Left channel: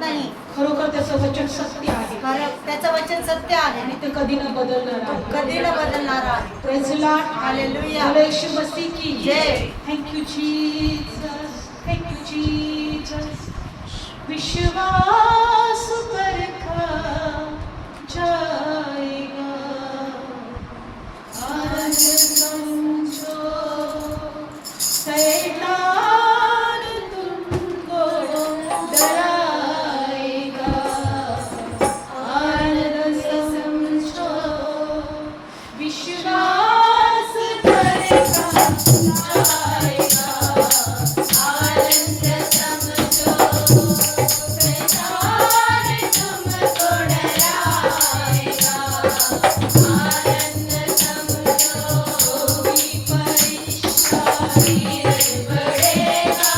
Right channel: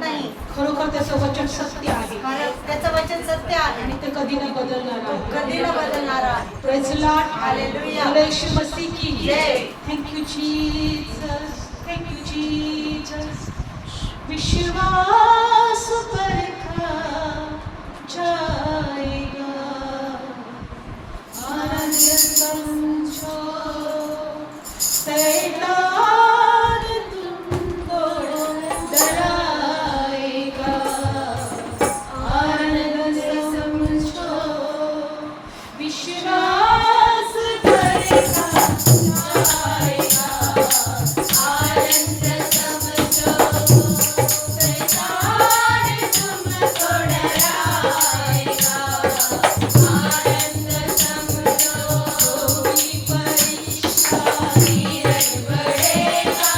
नाही. खरोखर त्याचं वचन सत्य आहे त्याचं वचन सत्य आहे आणि ते कधी न बदलणार आहे. कधी न बदलणार आहे. Praise the lord. Hallelujah. Yeshu Masih की जय. Thank you Jesus, thank you Jesus. विश्वास परखा जाएगा, आनंद समझो, शैतान तुमको डराएगा, आनंद समझो, विश्वास परखा जाएगा, आनंद समझो, शैतान तुमको डराएगा, आनंद समझो, कोई परेशानी नहीं बढ़ेगा,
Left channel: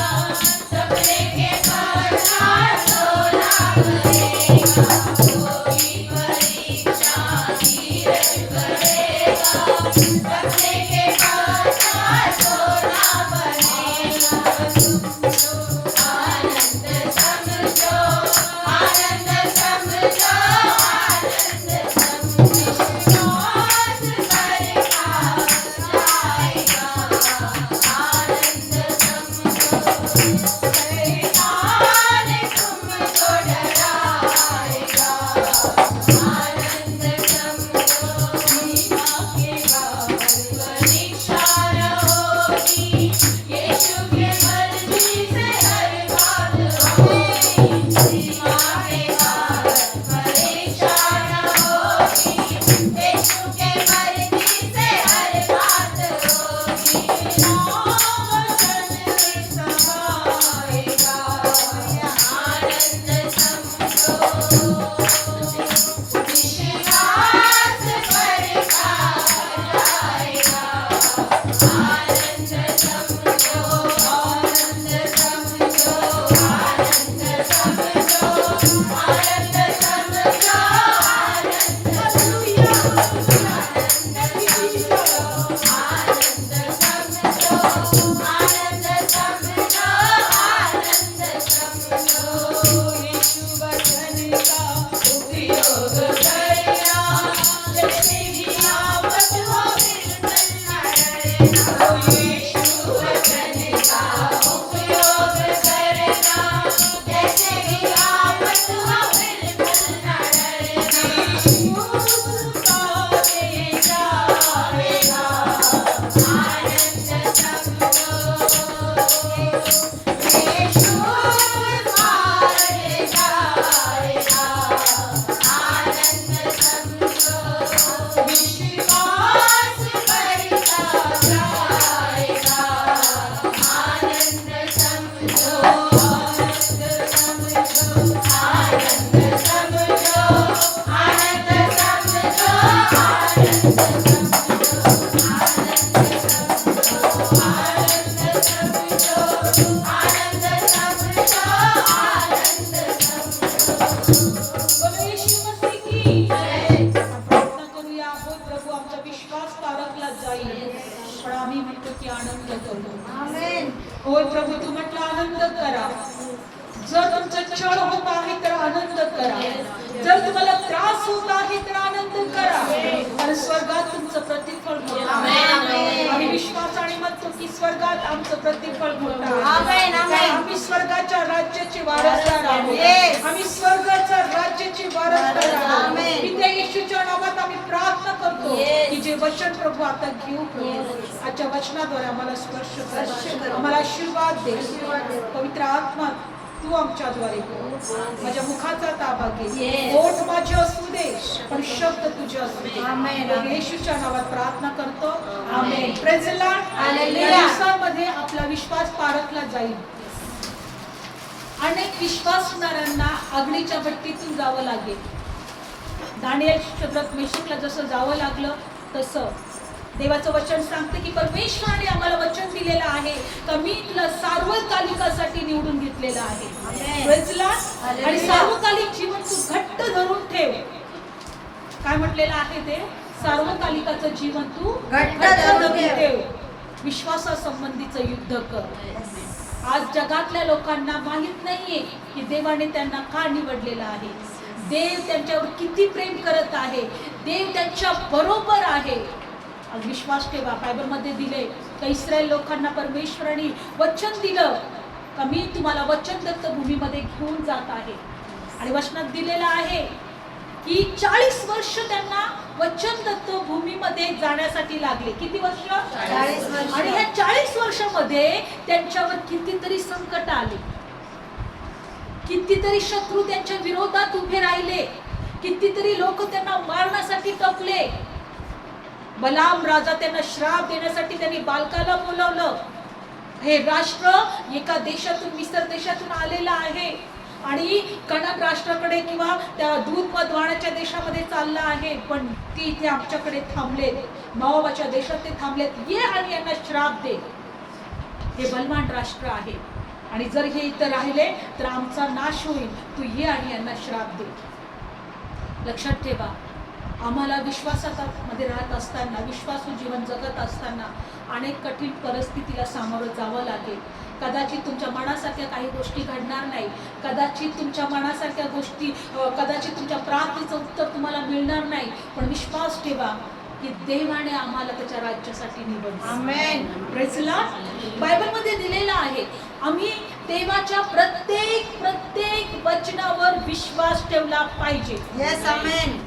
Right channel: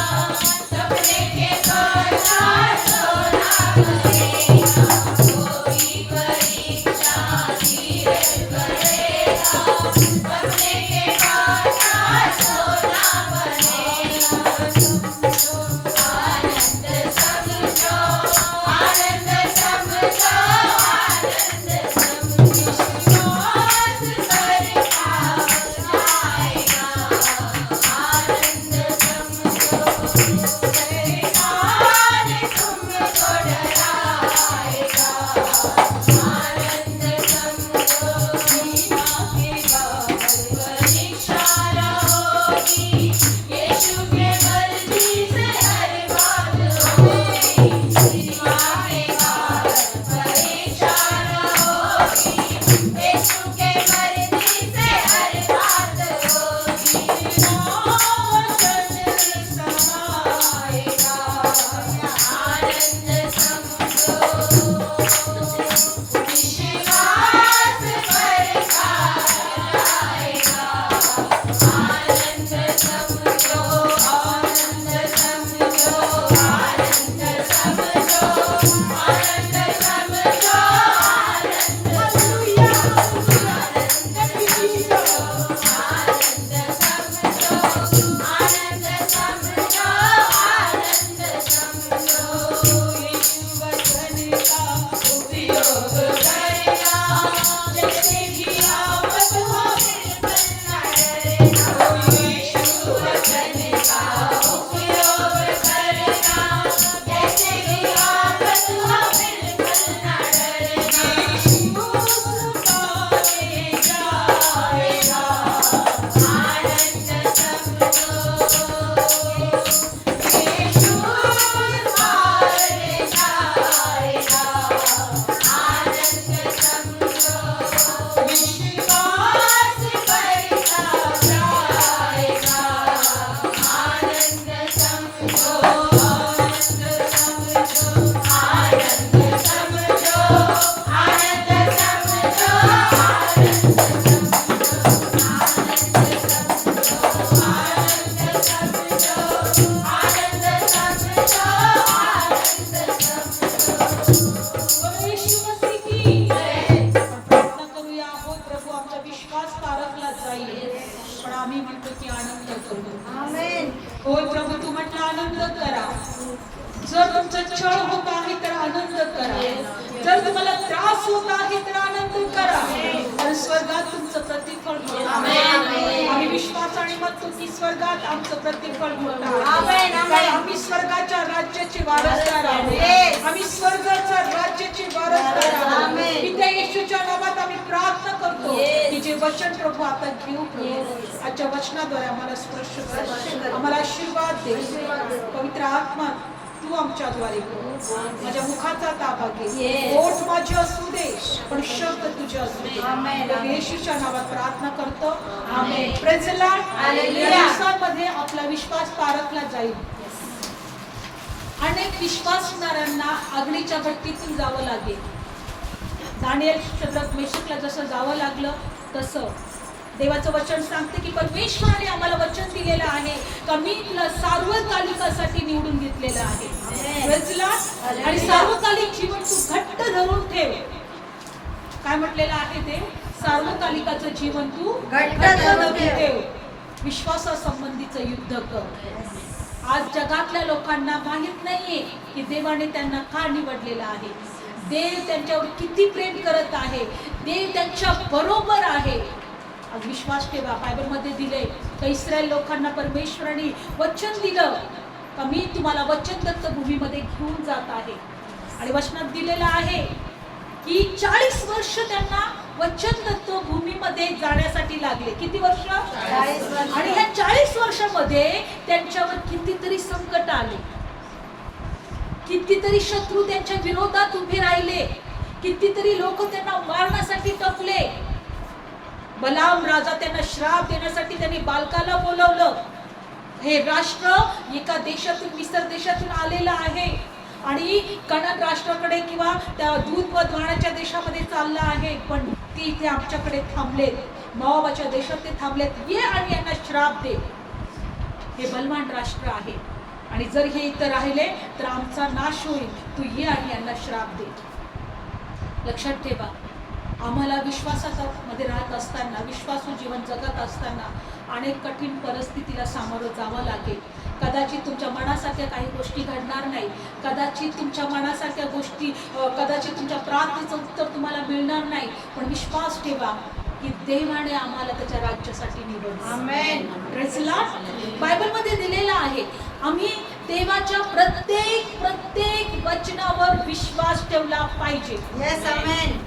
सपने के बाजार सोना बनेगा, कोई परेशानी नहीं बढ़ेगा, सपने के बाजार सोना बनेगा. आनंद समझो, आनंद समझो, आनंद समझो, विश्वास परखा जाएगा, आनंद समझो, शैतान तुमको डराएगा, आनंद समझो, सीमा के बाहर परीक्षा न होगी, यीशु के मर्जी से हर बात होगी, सीमा के बाहर परीक्षा न होगी, यीशु के मर्जी से हर बात होगी, वचन समाएगा, आनंद समझो, विश्वास परखा जाएगा, आनंद समझो, आनंद समझो, आनंद समझो, आनंद समझो, आनंद हालेलुया, आनंद समझो, आनंद समझो, आनंद समझो, आनंद समझो, यीशु वचन का उपयोग करना, जैसे भी आफत हो बिल्कुल न डरना, यीशु वचन का उपयोग करना, जैसे भी आफत हो बिल्कुल न डरना, यीशु आगे जाएगा, आनंद समझो, यीशु आगे जाएगा, आनंद समझो, विश्वास परखा जाएगा, आनंद समझो, आनंद समझो, आनंद समझो, आनंद समझो, आनंद समझो, आनंद समझो, आनंद समझो, आनंद समझो. यीशु मसीह की जय. प्रार्थना करूया. हो प्रभू, आमचा विश्वास तारकला जाईल, पण आम्ही म्हणतो की आनंद करू. आमेन. होय प्रभू, तू म्हटलं आनंद करा. जर तुमचा छळ होत आहे तर आनंद करा, जर तुम्हाला त्रास होत आहे तर आनंद करा, कारण स्वर्गात तुमचं प्रतिफळ मोठं आहे. आम्ही विश्वासाने म्हणतो की स्वर्गात आमचं प्रतिफळ मोठं आहे, कारण आम्ही स्वर्गाच्या राज्याचे वारसदार आहोत. आम्ही स्वर्गाच्या राज्याचे वारसदार आहोत. पित्या येशूच्या नावात आम्ही प्रार्थना करतो की जे वचन प्रभू आता घेऊ प्रभू, आजच्या वचनाद्वारे आम्हाला स्पर्श कर, आम्हाला आशीर्वाद दे. पवित्र आत्मा तू आमच्याद्वारे कर, माझ्या मुखाचा ताबा घे, ओठ माझे असू दे पण शब्द तुझे असू दे. येशूच्या नावात प्रार्थना करतो, आमेन. Praise the Lord. या दिवसांमध्ये आपला विश्वास पारखला जाईल. अनेक विश्वासणाऱ्यांना अग्नीच्या भट्टीतून जावं लागेल. दानिएल, शद्रक, मेशकला जसं जावं लागलं तसं देवाचं वचन सांगते की परमेश्वराने आम्हाला वचन दिलेलं आहे का मी तुला सार्वकालिकासाठी निवडून घेतलेलं आहे. Praise the Lord. आणि सार्वकालिक जीवन तू घट्ट धरून ठेव. काय म्हटलेलं आहे ते? सार्वकालिकाचं जीवन तू घट्ट धरून ठेव. विश्वासासंबंधीचं युद्ध कर. आज जगातल्या लोकांना माहित नाहीये की देवाने त्यांना का निवडलेलं आहे, देव त्यांच्यावर किती प्रेम करत आहे, देव त्यांच्या बरोबर आहे. आज विश्वास ठेवा, बायबलमध्ये दिले का इस्रायल लोकांना परमेश्वराने वचन दिलं का मी तुम्हाला वचन दत्त भूमीमध्ये घेऊन जात आहे. आणि वचनात दिलेलं आहे की 40 वर्ष त्यांना वचन दत्त भूमीमध्ये जाण्यासाठी लागले. किती वर्ष? 40 वर्ष. आणि ह्या 40 वर्षामध्ये त्यांच्यावर कितीतरी संकट आले, कितीतरी शत्रू त्यांच्या विरोधात उभे राहिले, कितीतरी लोक त्यांना मारण्यासाठी टपले. बलाम राजा त्यांना श्राप देण्यासाठी त्यांनी बालकाला बोलवलं. हे राष्ट्र एका देशातून मिस्र देशातून आलेलं आहे आणि कणक राष्ट्राकडे किंवा त्या दूध मध वाहण्याच्या देशामध्ये चाललं आहे, पण ते इथे आमच्याकडे थांबलेत, मोआबाच्या देशात ते थांबलेत. ये आणि यांना श्राप दे. हे बलवान राष्ट्र आहे आणि जर हे इथं राहिले तर आमचा नाश होईल. तू ये आणि यांना श्राप दे. लक्षात ठेवा, आम्हाला विश्वासामध्ये राहत असताना, विश्वासू जीवन जगत असताना अनेक कठीण परिस्थितीला सामोरं जावं लागेल. कदाचित तुमच्या मनासारख्या काही गोष्टी घडणार नाही, कदाचित तुमच्या मनासारख्या गोष्टी, कदाचित तुमच्या प्रार्थनेचं उत्तर तुम्हाला मिळणार नाही, पण विश्वास ठेवा की देवाने आम्हाला त्याच्या राज्यासाठी निवडलं. आमेन. Praise lord. बायबलमध्ये दिलेलं आहे आम्ही देवाच्या प्रत्येक वचनावर विश्वास ठेवला पाहिजे. येस, आमेन.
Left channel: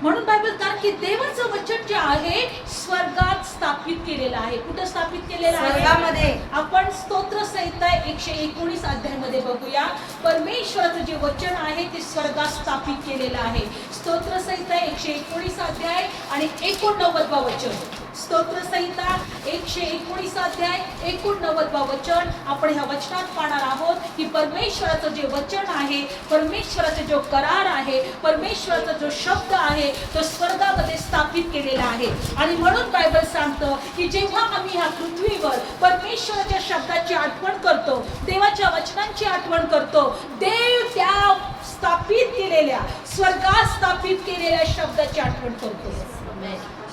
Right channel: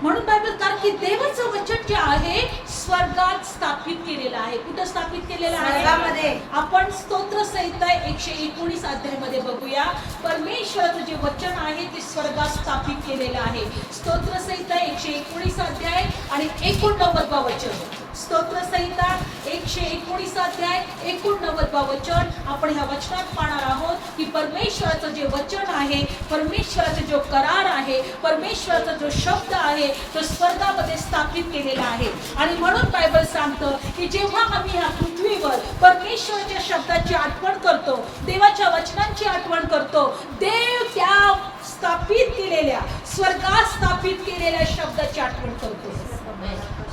म्हणून बायबल, कारण की देवाचं वचन जे आहे स्वर्गात स्थापित केलेलं आहे. कुठं स्थापित केलेलं स्वर्गामध्ये. आहे? आपण स्तोत्र संहिता 119 अध्यायामध्ये बघूया. परमेश्वराचं जे वचन आहे ते स्वर्गात स्थापित केलेलं आहे. स्तोत्र संहिता 119 अध्याय आणि 89 वचन. स्तोत्र संहिता 119 अध्याय 89 वचन. आपण ह्या वचनात पाहणार आहोत की परमेश्वराचं जे वचन आहे, परमेश्वराचा जो करार आहे, परमेश्वराचा जो शब्द आहे तो स्वर्गामध्ये स्थापित केलेला आहे. आणि म्हणून बायबल सांगतं की जेव्हा आम्ही ह्या पृथ्वीवर परमेश्वराच्या शब्दाची आठवण करतो, देवाच्या वचनांची आठवण करतो, देव त्या स्थापित केलेल्या, स्वर्गात स्थापित केलेल्या शब्दाची आठवण करतो.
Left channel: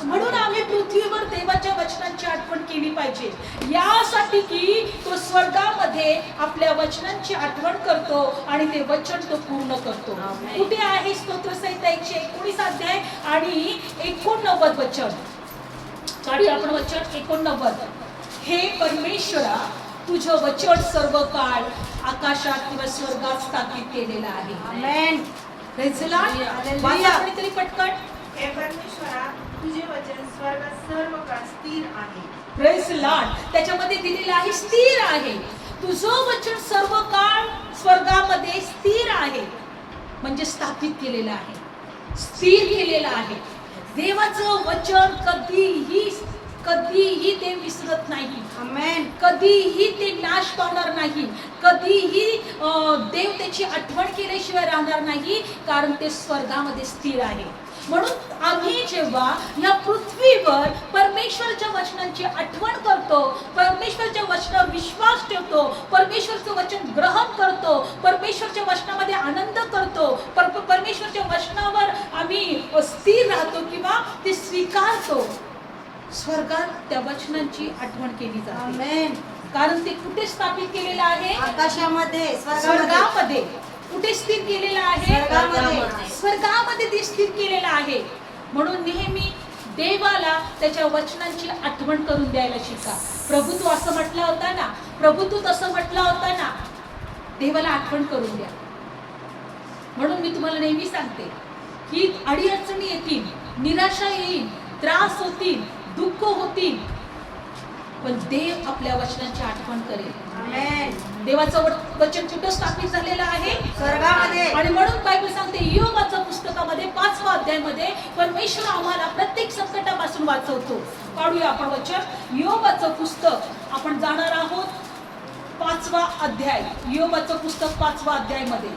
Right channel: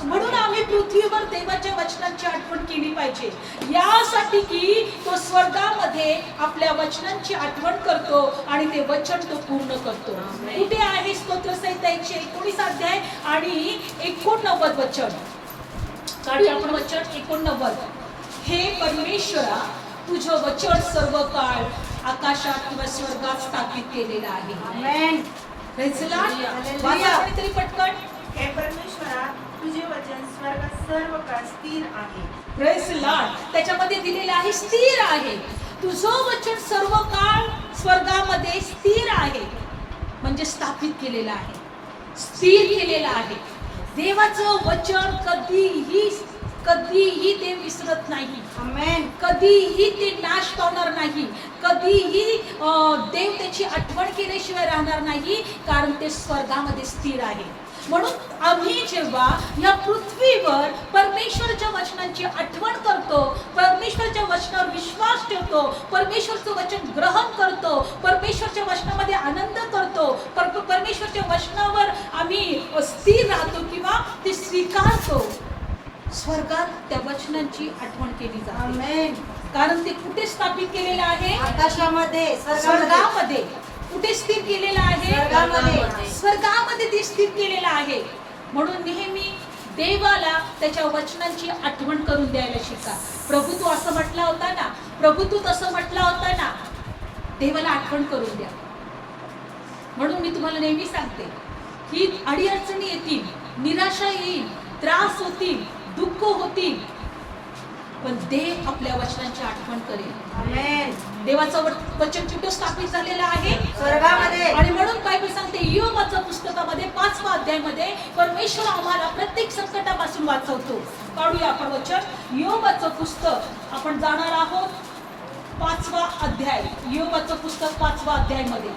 म्हणून आम्ही पृथ्वीवर देवाच्या वचनांची आठवण केली पाहिजे, यासाठी की तो स्वर्गामध्ये आपल्या वचनांची आठवण करतो आणि ते वचन तो पूर्ण करतो. कुठे आहे? स्तोत्र संहिता 119 अध्याय आणि 89 वचन. काढूया आपण वचन 89. हे परमेश्वरा, तुझं वचन सर्व काळ आकाशात किंवा स्वर्गात स्थापित केलेलं आहे. आमेन. Praise lord. वाचा कोणीतरी पटकन. हे परमेश्वरा, तुझे वचन स्वर्गात सर्व काळ स्थिर आहे. Praise Lord. त्याच्यामध्ये दिलेलं आहे स्थिर आहे. तुझं वचन सर्व काळ स्वर्गामध्ये स्थिर आहे, म्हणजे स्थापित केलेलं आहे, स्थिर केलेलं आहे. देवाचं वचन कधीही ते विसरत नाही. आमेन. कधीही ते नाश पावणार नाही. कधीही देव त्याची आठवण केल्याशिवाय राहणार नाही, कारण ते स्वर्गामध्ये स्थिर आहे. म्हणून आम्ही जेव्हा या पृथ्वीवर परमेश्वराच्या वचनांची आठवण करतो, परमेश्वराच्या वचनावर विश्वास ठेवतो, परमेश्वरचं वचन ग्रहण करतो, परमेश्वरच्या वचनामध्ये आनंद करतो, परमेश्वरच्या वचनावर आम्ही स्थिर राहतो किंवा ते स्वीकारतो, स्वर्गात त्या वचनांची आठवण केली जाते. आमेन. कारण ते कुठे स्थापित केलेलं आहे? आकाशामध्ये, स्वर्गामध्ये. कुठे स्थिर केलेलं आहे? स्वर्गामध्ये. स्वर्गामध्ये ते स्थिर केलेलं आहे. म्हणून नेहमी देवाला त्याच्या वचनांची आठवण करून द्यायला शिका. प्रभू तू असं म्हटला होता ना, प्रभू तू तसं म्हटला होता ना, देवाला आठवण करून द्या. म्हणून मी तुम्हाला नेहमी सांगते की अडीअडचणी येतील, निराशा येईल, त्रास होतील, दुःख होतील, पण देव आपल्या वचनांची आठवण करेल. आमेन. देवाचं वचन कुठं स्थापित झालेलं आहे? स्वर्गामध्ये. आणि म्हणून बायबल सांगते योबाच्या पुस्तकामध्ये 5व्या अध्यायामध्ये परमेश्वर आम्हाला प्रत्येक संकटापासून वाचवतो. काढूया आपण वचन. योबाचं पुस्तक आपण जाणार आहोत 5वा अध्याय. योबाचं पुस्तक 5वा अध्यायामध्ये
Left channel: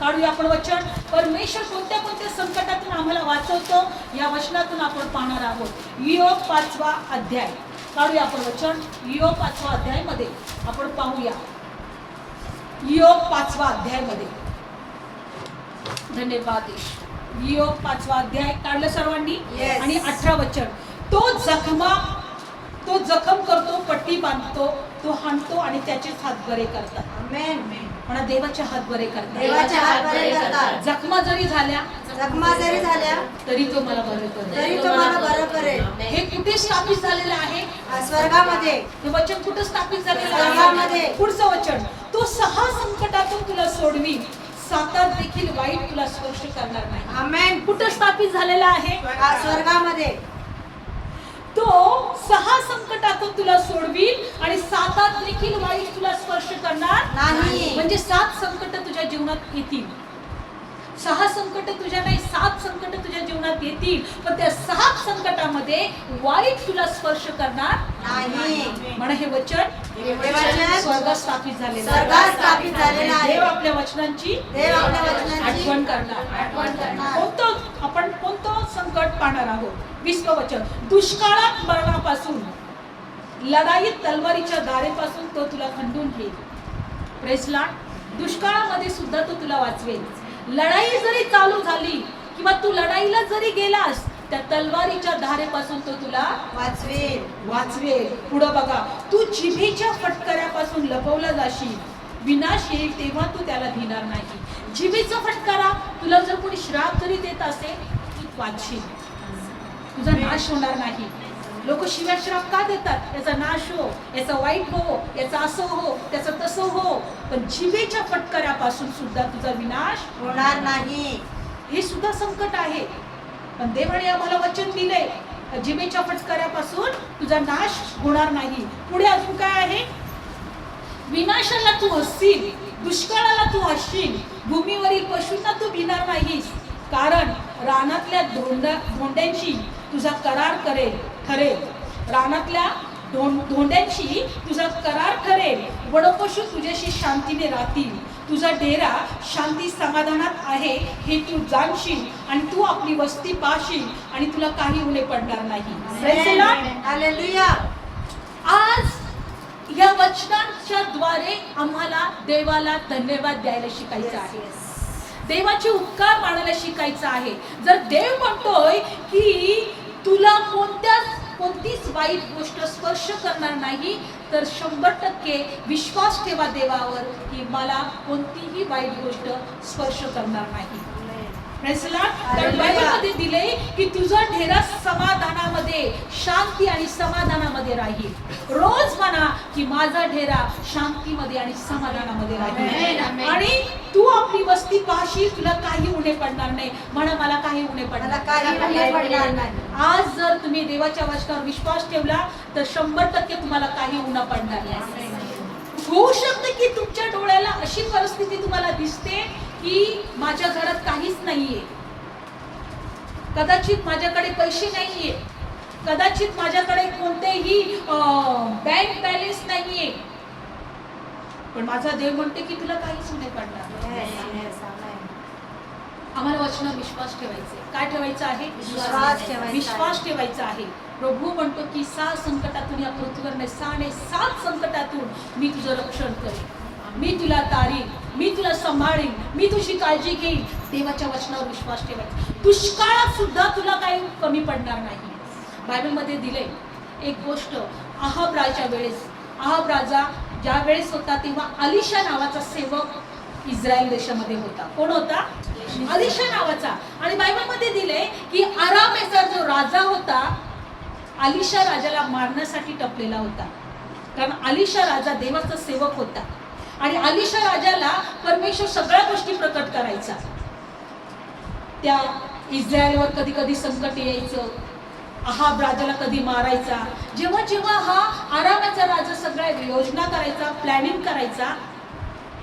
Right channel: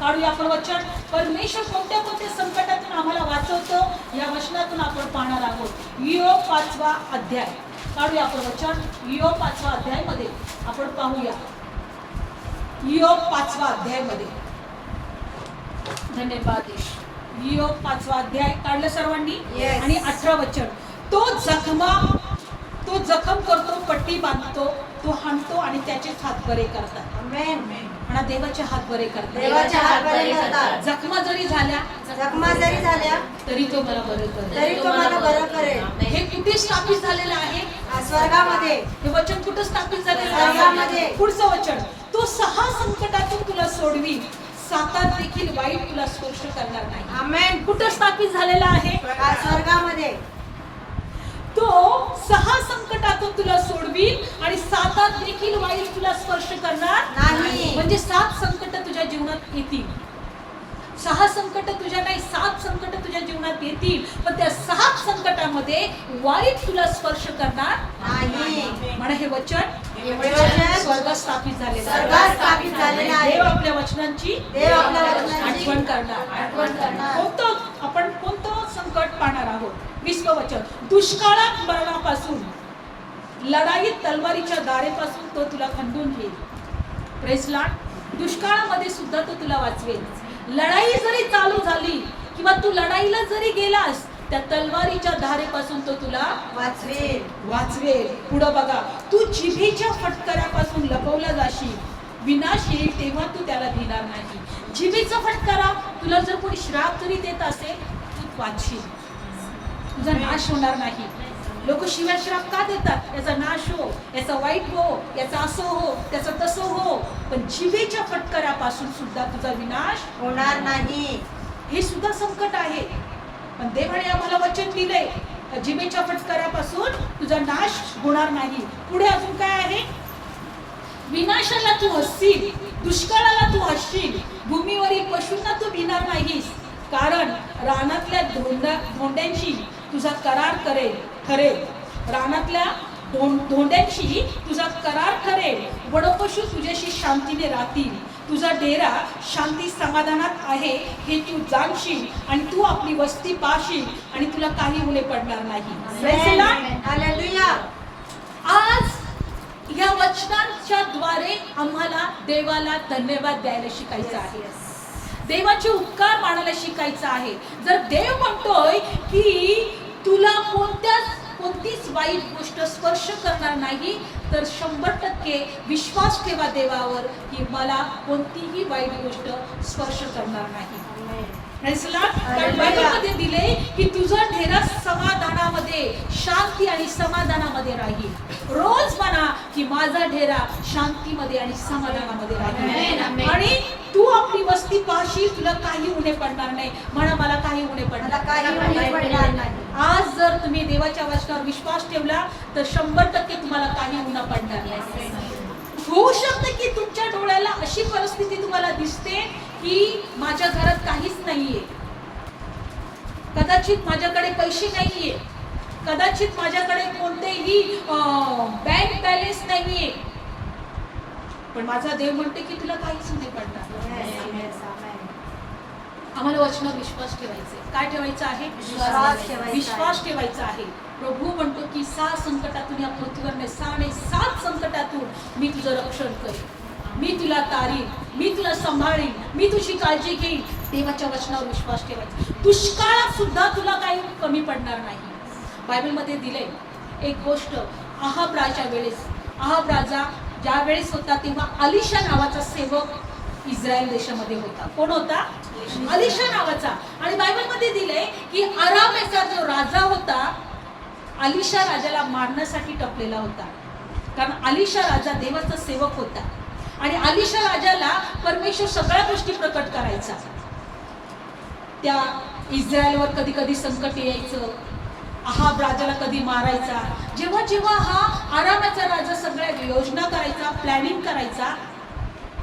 काढूया आपण वचन. परमेश्वर कोणत्या संकटातून आम्हाला वाचवतो या वचनातून आपण पाहणार आहोत. योब 5वा अध्याय काढूया आपण वचन. योब 5वा अध्यायामध्ये आपण पाहूया. योब 5वा अध्यायामध्ये. धन्यवाद. योब 5वा अध्याय काढलं सर्वांनी? Yes. आणि 18 वचन. तो जखम करतो, पट्टी बांधतो, तो हाणतो आणि त्याचेच हात बरे करतात. आमेन. म्हणा देवाचे हात बरे करतात. देवाचे हात बरे करतात. जखमा जरी झाल्या जखमा जरी झाल्या तरी तो मला बरे करेल. तरी तो मला बरं करेल. हे कुठे स्थापित झालेलं आहे? स्वर्गामध्ये. हे वचन कुठे स्थापित झालेलं स्वर्गामध्ये. आहे? पुढचं वचन, तो 6 संकटातून तुला सोडवी, सातात देखील वाईट तुला स्पर्श करणार नाही. आमेन. कुठं स्थापित झालेला आहे? स्वर्गामध्ये. तो 6 संकटातून तुला सोडवील आणि सातात देखील वाईट तुला स्पर्श करणार नाही. म्हणजे 7 संकट तुझ्या जीवनात येतील. 6 संकट तुझ्या नाही, 7 संकट तुझ्या जीवनात येतील, पण त्या 7 संकटामध्ये वाईट तुला स्पर्श करणार नाही. म्हणा हे वचन स्वर्गात स्थापित झालेलं स्वर्गात स्थापित झालेलं आहे. देव आपल्या वचनांची देव आपल्या वचनांची आठवण करणार. कोणतं संकट पाहणार आहोत? 20वं वचन, दुष्काळात मरणापासून, लढाईत तलवारीच्या दारेपासून तो तुला खंडून घेईल. Praise Lord. दुष्काळामध्ये सुद्धा तो तुला वाचवेल. लढाई जरी चालू झाली किंवा तू लढाईला जरी गेलास, त्या तलवारीच्या धारेपासून तो तुला वाचवेल. पुढं बघा, तू जिभेच्या फटकऱ्यापासून लपवला जाशील, विनाश येईल तेव्हा तू त्याला भिणार नाही. जिभेचा फटकारा, तुला जर कोणी श्राप जरी देत असेल तू वाचशील, तुझा नाश होणार नाही. लोक शिव्या श्राप का देतात? याचा नाश हो, याचा वाईट हो, याचा असं हो, त्याचं तसं हो, पण जिभेच्या फटकऱ्यापासून सुद्धा तुझा विनाश होणार नाही. हे सुद्धा संकट आहे, पण देवाने आम्हाला वचन दिलंय, जिभेच्या फटकऱ्यापासून तुझा नाश होणार नाही. पुढे अजून काय आहे? विनाशाला तू हसशील, दुष्काळाला तू हसशील, भूमीवरील पशूंना तू भिणार नाहीस, कारण रानातल्या धोंड्यांशी तुझा करार ठरेल. रानातल्या धोंड्यांशी तुझा करार ठरेल. वडपशु तुझ्याशी शांतीने राहतील. तुझा डेरा शांती समाधानात आहे हे तू जाणशील आणि तू आपली वस्ती पाहशील आणि तुला काही उणे पडणार नाही. हालेलुया. आज या वचनांच्या द्वारे आम्हाला देवाला धन्यवाद द्यायला शिकायचं आहे, देवाचे उपकार मानायला शिकायचं आहे. जर देव म्हणतोय की तुला कोणतीच वाईट गोष्ट स्पर्श करणार नाही, तर 100% विश्वास ठेवा देवावर की मला कोणतीही वाईट गोष्ट स्पर्श करणार नाही. कारण बायबलमध्ये दिले की तुझा डेरा समाधानामध्ये, शांती आणि समाधानामध्ये राहील. रोज म्हणा की माझा डेरा शांतीमध्ये आणि समाधानामध्ये राहील आणि तू आपली वस्ती पाहशील, तुला काही उणे पडणार नाही. म्हणा मला काही उणे पडणार नाही. आज जर तुम्ही देवाच्या वचनावर विश्वास ठेवला तर 100% तुम्हाला काही उणं पडणार नाही. होऊ शकतं की तुमच्या डोळ्याला अशी परिस्थिती तुम्हाला दिसते की माझ्या घरात काहीच नाहीये, कदाचित माझ्याकडे पैसे नाहीये, कदाचित माझ्याकडे कोणतेही बँक बॅलन्स नाहीये, पण माझा देव म्हणते की तुला काहीच नाही पडणार. आम्हाला वचनावर विश्वास ठेवायचा. काय ठेवायचं आहे? विश्वास ठेवायचा आहे. प्रभू म्हणतो की 6 संकटातून या पृथ्वीवर 7 संकटातून मी तुझं रक्षण करेन, मी तुला तारीन, मी तुला सांभाळीन, मी तुझी काळजी घेईन. देवाच्या वचनावर विश्वास ठेवायचा. दुष्काळात सुद्धा तुला काही कमी पडणार नाही. बायबलमध्ये दिले एक गोष्ट, अहाब राजा वेळेस, अहाब राजा ज्या वेळेस होता तेव्हा अलिशा नावाचा सेवक इस्रायल देशामध्ये होता. कोण होता? अलिशा नावाचा. आणि बायबलमध्ये दिले की अरामेचा जो राजा होता, अलिशा राजाला मारण्यासाठी टपलेला होता. कारण अलिशा राजा देवाचा सेवक होता आणि अलिशा राजाला परमेश्वर सगळ्या गोष्टी प्रकट करायचा. त्या इस्रायलवर कधी कधी संकट यायचं, अहाब राजाला कधी मारायचा. जेव्हा जेव्हा हा आरामाचा राजा सगळ्या योजना करायचा, प्लॅनिंग करायचा,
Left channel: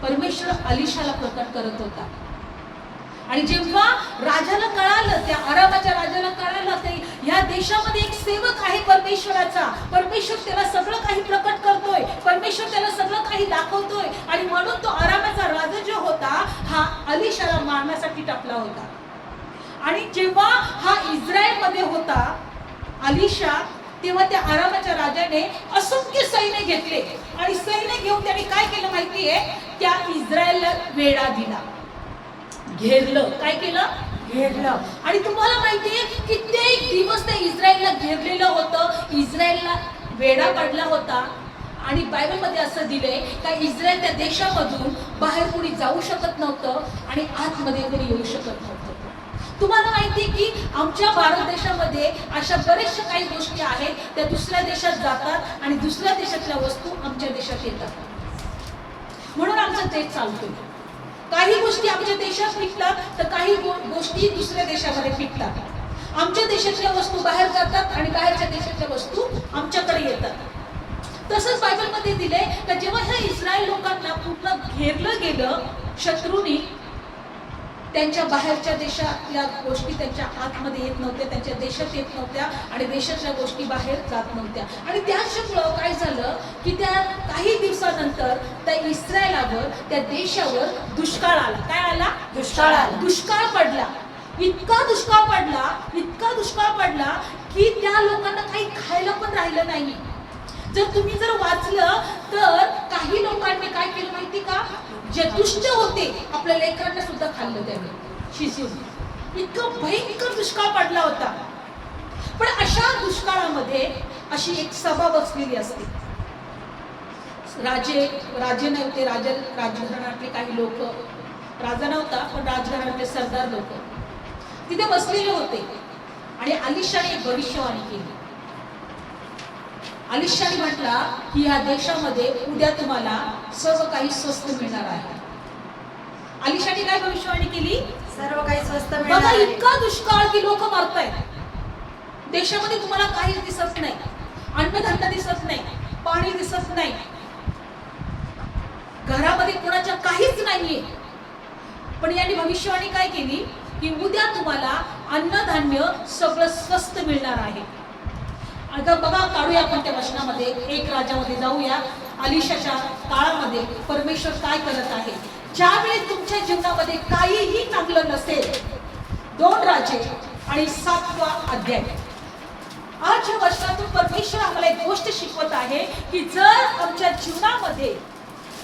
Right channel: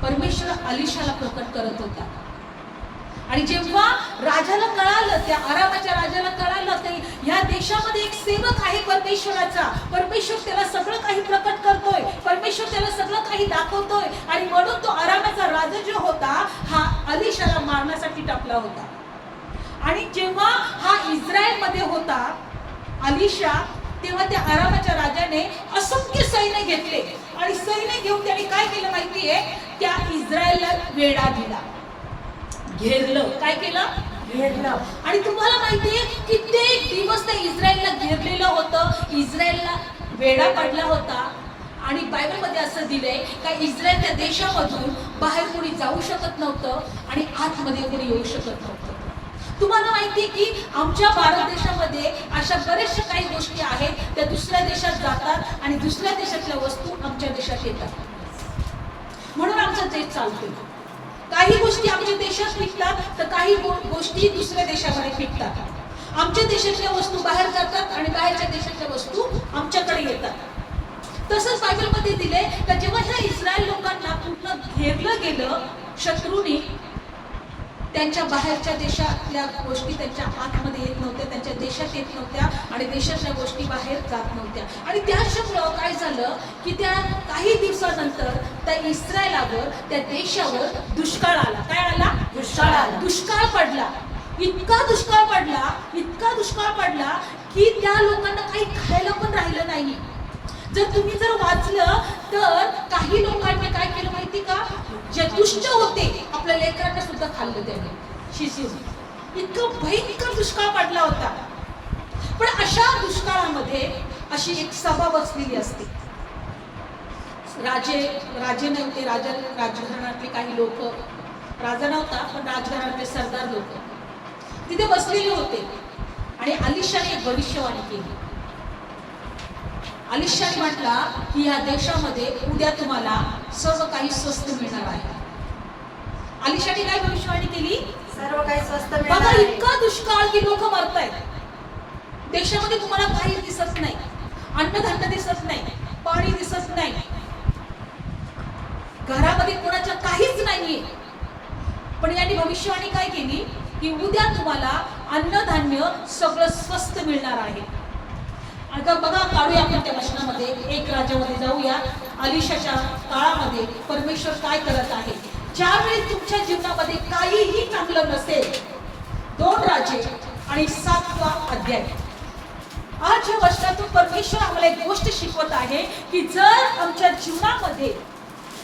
परमेश्वर अलिशाला प्रकट करत होता. आणि जेव्हा राजाला कळालं, त्या आरामाच्या राजाला कळालं की या देशामध्ये एक सेवक आहे परमेश्वराचा, परमेश्वर त्याला सगळं काही प्रकट करतोय, परमेश्वर त्याला सगळं काही दाखवतोय, आणि म्हणून तो आरामाचा राजा जो होता हा अलिशाला मारण्यासाठी टपला होता. आणि जेव्हा हा इस्रायलमध्ये होता अलिशा, तेव्हा त्या आरामाच्या राजाने असंख्य सैन्य घेतले आणि सैन्य घेऊन त्याने काय केलं माहितीये? त्या इस्रायलला वेढा दिला, घेरलं. काय केलं? घेरलं. आणि तुम्हाला माहितीये कित्येक दिवस ते इस्रायलला घेरलेलं होतं, इस्रायलला वेढा पडला होता. आणि बायबलमध्ये असं दिलंय का इस्रायल त्या देशामधून बाहेर कोणी जाऊ शकत नव्हतं आणि आतमध्ये कोणी येऊ शकत नव्हतं. तुम्हाला माहिती आहे की आमच्या भारत देशामध्ये अशा बऱ्याचशा काही गोष्टी आहेत त्या दुसऱ्या देशात जातात आणि दुसऱ्या देशातल्या वस्तू आमच्या देशात येतात. म्हणून आमचं देश चालतोय. काही गोष्टी आमच्या देशात पिकतात तर काही गोष्टी दुसऱ्या देशामध्ये पिकतात. आमच्या देशातल्या वस्तू बाहेर जातात आणि बाहेरच्या देशातल्या वस्तू आमच्याकडे येतात. तसंच बायबलमध्ये दिले का जेव्हा ह्या इस्रायल लोकांना पूर्ण घेरलं गेलं शत्रूनी, त्यांच्या बाहेरच्या देशातल्या गोष्टी त्यांच्या आतमध्ये येत नव्हत्या, त्यांच्या देशात येत नव्हत्या आणि देशातल्या गोष्टी बाहेर जात नव्हत्या. आणि त्याच्यामुळं काय झालं की त्या काही दिवसानंतर त्या इस्रायलावर, त्या देशावर दुष्काळ आला. काय आला? दुष्काळ आला. दुष्काळ पडला. इतका दुष्काळ पडला की त्या लोकांना काही खायला पण राहिलं नाही. तुम्ही जर वाचलं तर काही लोकांनी काय केलं माहिती का, जे दुष्ट होते आपल्या लेकरांना सुद्धा खाल्लं त्यांनी शिजून. इतकं भयंकर दुष्काळ पडला होता. पण अशा दुष्काळामध्ये अशी एक सभा बसलेली असते. राजे नव्हते, राजघराण्यातले काही लोक, राजा नव्हता पण राजघराण्यातले सरदार लोक तिथे बसलेले होते आणि अलिशाने एक भविष्यवाणी केली. अलिशाने म्हटला की ह्या देशामध्ये उद्या तुम्हाला सर्व काही स्वस्त मिळणार आहे. अलिशाने काय भविष्यवाणी केली? सर्व काही स्वस्त बघा, मिळणार. इतका दुष्काळ की लोक मरतायत. देशामध्ये तुम्हाला काही दिसत नाही, अन्नधान्य दिसत नाही, पाणी दिसत नाही, घरामध्ये कोणाच्या काहीच नाहीये. पण यांनी भविष्यवाणी काय केली की उद्या तुम्हाला अन्नधान्य सगळं स्वस्त मिळणार आहे. आता बघा, काढूया आपण त्या वचनामध्ये, एक राजामध्ये जाऊया. अलिशाच्या काळामध्ये परमेश्वर काय करत आहे. ज्यावेळी तुमच्या जीवनामध्ये काहीही चांगलं नसेल, 2 राजे आणि 7वा अध्याय. आज या वचनातून परमेश्वर आम्हाला एक गोष्ट शिकवत आहे की जर आमच्या जीवनामध्ये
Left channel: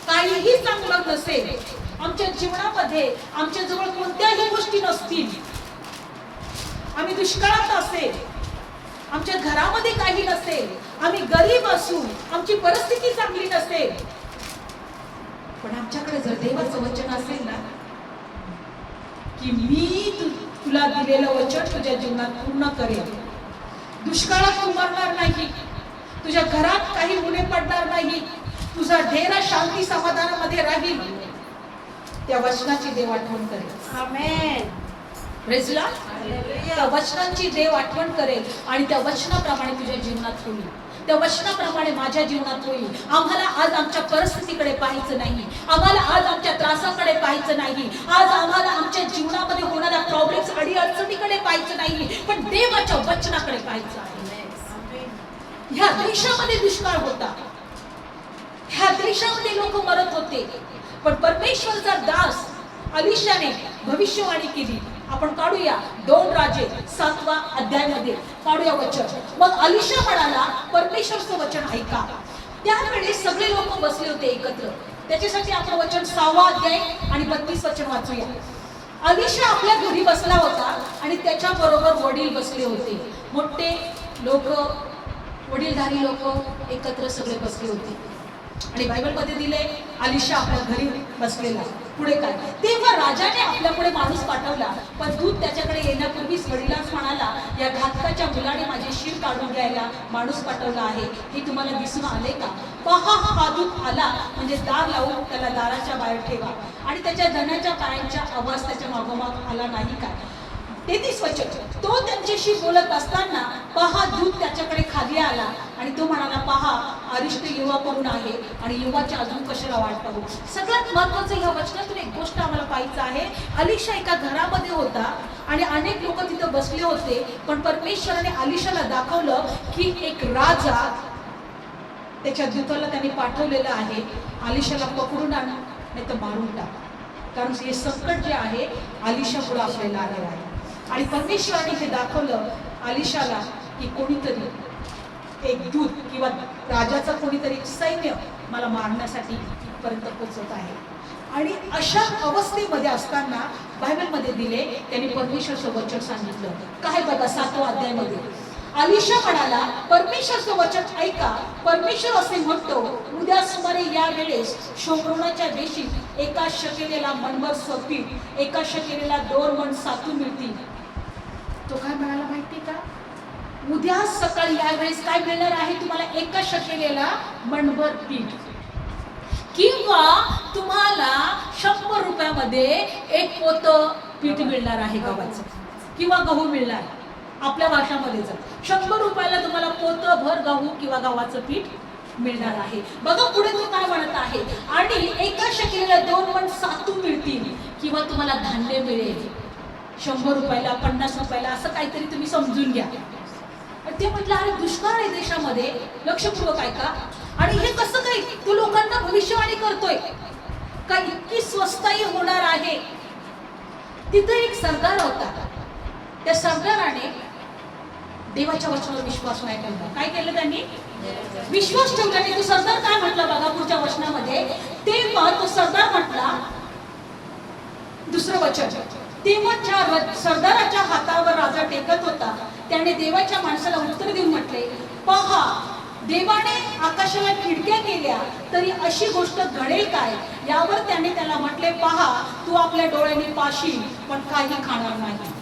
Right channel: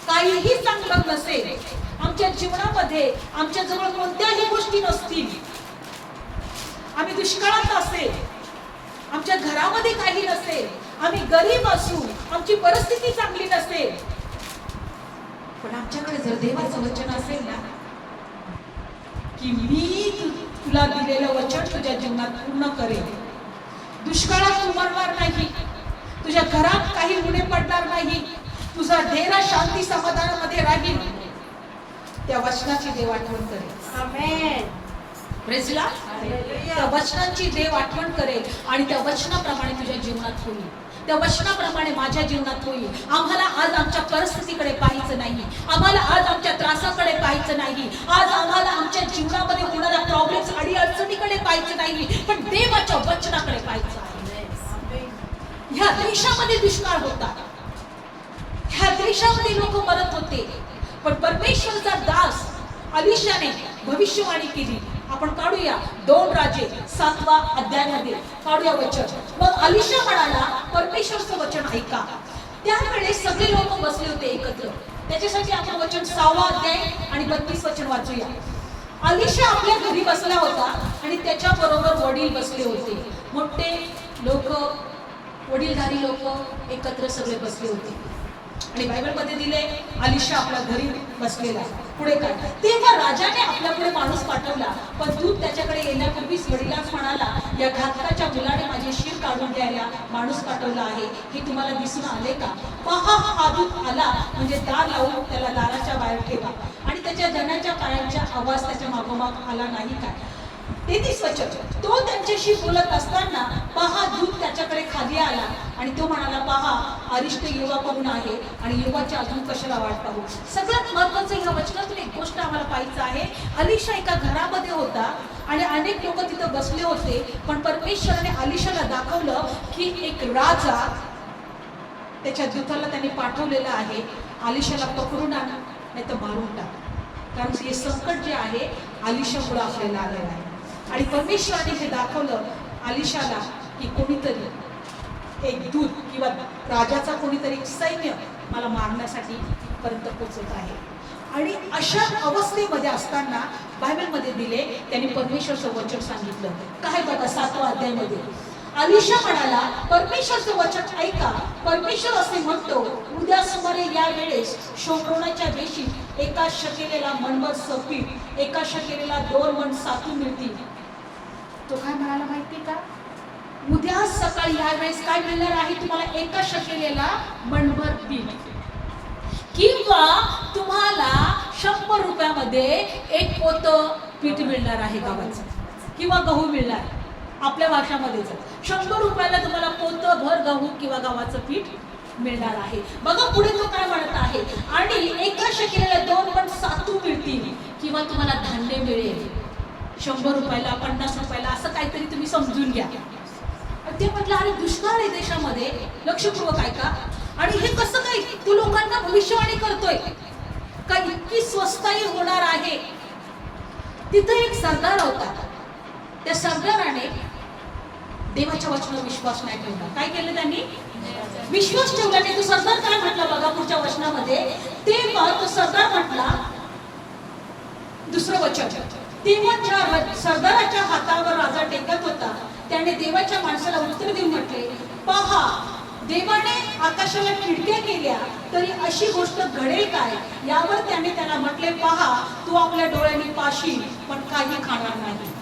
काहीही चांगलं नसेल, आमच्या जीवनामध्ये आमच्या जवळ कोणत्याही गोष्टी नसतील, आम्ही दुष्काळात असेल, आमच्या घरामध्ये काही नसेल, आम्ही गरीब असू, आमची परिस्थिती चांगली नसेल, पण आमच्याकडे जर देवाचं वचन असेल ना की मी तुला दिलेलं वचन तुझ्या जीवनात पूर्ण करेन, दुष्काळात उमरणार नाही, तुझ्या घरात काही उणे पडणार नाही, तुझा डेरा शांती समाधानामध्ये राहील, त्या वचनाची देव आठवण करेल. आमेन. Praise the Lord. त्या वचनांची देव आठवण करेल आणि त्या वचनाप्रमाणे तुझ्या जीवनात होईल, त्या वचनाप्रमाणे माझ्या जीवनात होईल. आम्हाला आज आमच्या परिस्थितीकडे पाहायचं नाही, आम्हाला आज आमच्या त्रासाकडे पाहायचं नाही, आज आम्हाला आमच्या जीवनामध्ये होणाऱ्या प्रॉब्लेम्स आणि अडचणीकडे पाहायचं नाही, पण देवाच्या वचनाकडे पाहायचं आहे. ह्या देशामध्ये दुष्काळ होता, ह्या देशामध्ये लोक मरत होते, पण परमेश्वरचा दास अलिशाने भविष्यवाणी केली. आपण काढूया 2 राजे 7वा अध्यायामध्ये काढूया वचन. मग अलिशा म्हणाला, परमेश्वरचं वचन ऐका. त्याकडे सगळे लोक बसले होते एकत्र. त्याच्यासाठी आपण वचन 6वा अध्याय आणि 32 वचन वाचूया. अलिशा आपल्या घरी बसला होता आणि त्याच्या बरोबर वडील बसले होते. मोठे लोक, वडीलधारी लोक एकत्र सगळे बसले होते. आणि बायबलमध्ये दिले अलिशा आपल्या घरी बसलेला. पुढे काय, तेव्हा राजाने आपल्या पुढे माणूस पाठवला, पण दूत त्याच्याकडे येण्यापूर्वीच वडिलांस म्हणाला, या घातकाच्या मुलाने माझे शिर काढून घ्यायला माणूस पाठवला आहे, हे तुम्हाला दिसून आले का? पहा, हा दूत आला म्हणजे दार लावून त्याला दाराच्या बाहेर ठेवा. आणि त्याच्या धनाच्या पायांच्या आवाज त्याच्या मागोमाग आला नाही काय? 33 वचन. तो त्यांच्याशी बोलत असताना पहा, दूत त्याच्याकडे खाली आला आणि तो म्हणाला, पहा, अरिष्ट युवा करून आहे आणि युवाच्या अजून कशाला वाट पाहू. सगळ्यात महत्वाचं ह्या वचनातून एक गोष्ट आम्हाला पाहायचं आहे. अलिशा एका घरामध्ये होता आणि अनेक लोक तिथे बसले होते, पण परमेश्वराने अलिशाला दाखवलं की एक राजा त्याच्या दूताला त्यांनी पाठवलेला आहे, अलिशाला पकडून आण नाही तर मारून टाक, कारण हे संकट जे आहे अलिशा पुढे आपल्याला आलेलं आहे. आणि परमेश्वराने हे दाखवलं अलिशाला की कोणीतरी एक दूत किंवा राजाचा कोणीतरी सैन्य मला मारण्यासाठी पर्यंत पोहोचत आहे. आणि अशा अवस्थेमध्ये असताना बायबलमध्ये दिले त्यांनी परमेश्वरचं वचन सांगितलं. काय बघा 7व्या अध्यायामध्ये, अलिशा म्हणाला, परमेश्वरचं वचन ऐका. परमेश्वर असे म्हणतो, उद्या सुमारे या वेळेस शोम्रोनाच्या देशीत एका शकेलेला मनभर पीठ, एका शकेलेला 2 मण सातू मिळतील. तो काय म्हणाला माहिती का? उद्या सकाळी या वेळेस काय मिळणार आहे तुम्हाला? एका शकेलेला मनभर पीठ, किंवा तुम्हाला 100 रुपयामध्ये एक पोत पीठ मिळणार आहे गव्हाचं, किंवा गहू मिळणार. आपल्या भाषामध्ये जर 100 रुपयाला तुम्हाला पोतभर गहू किंवा गव्हाचं पीठ मिळणार आहे. बघा पुढे तो काय म्हणत आहे, आणि एका शकेलेला 2 मण सातू मिळतील, किंवा तुम्हाला धान्य मिळेल. 100 रुपयाला 50 रुपयाला असं काहीतरी तुम्ही समजून घ्या. आणि ते म्हटलं, अरे दुष्काळ आहे देशामध्ये, लक्षपूर्वक ऐका. आणि हे कसं काय? तू लोकांना भविष्यवाणी करतोय का इतकी स्वस्ताई होणार आहे? तिथे एक सरदार होता. त्या सरदाराने देवाच्या वचनावर विश्वास नाही ठेवला. काय केलं त्यांनी? विश्वास ठेवला नाही. तो सरदार काय म्हटला बघा पुढच्या वचनामध्ये. तेव्हा तो सरदार म्हटला, दुसरं वचन, तेव्हा सरदाराच्या हातावर राजा टेकत होता. त्याने देवाच्या माणसाला उत्तर देऊन म्हटले, पहा, देवाने आकाशाला खिडक्या केल्या तरी अशी गोष्ट घडेल काय? यावर त्याने त्याला म्हटले, पहा, तू आपल्या डोळ्यांनी पाशील पण काही खाणार नाही.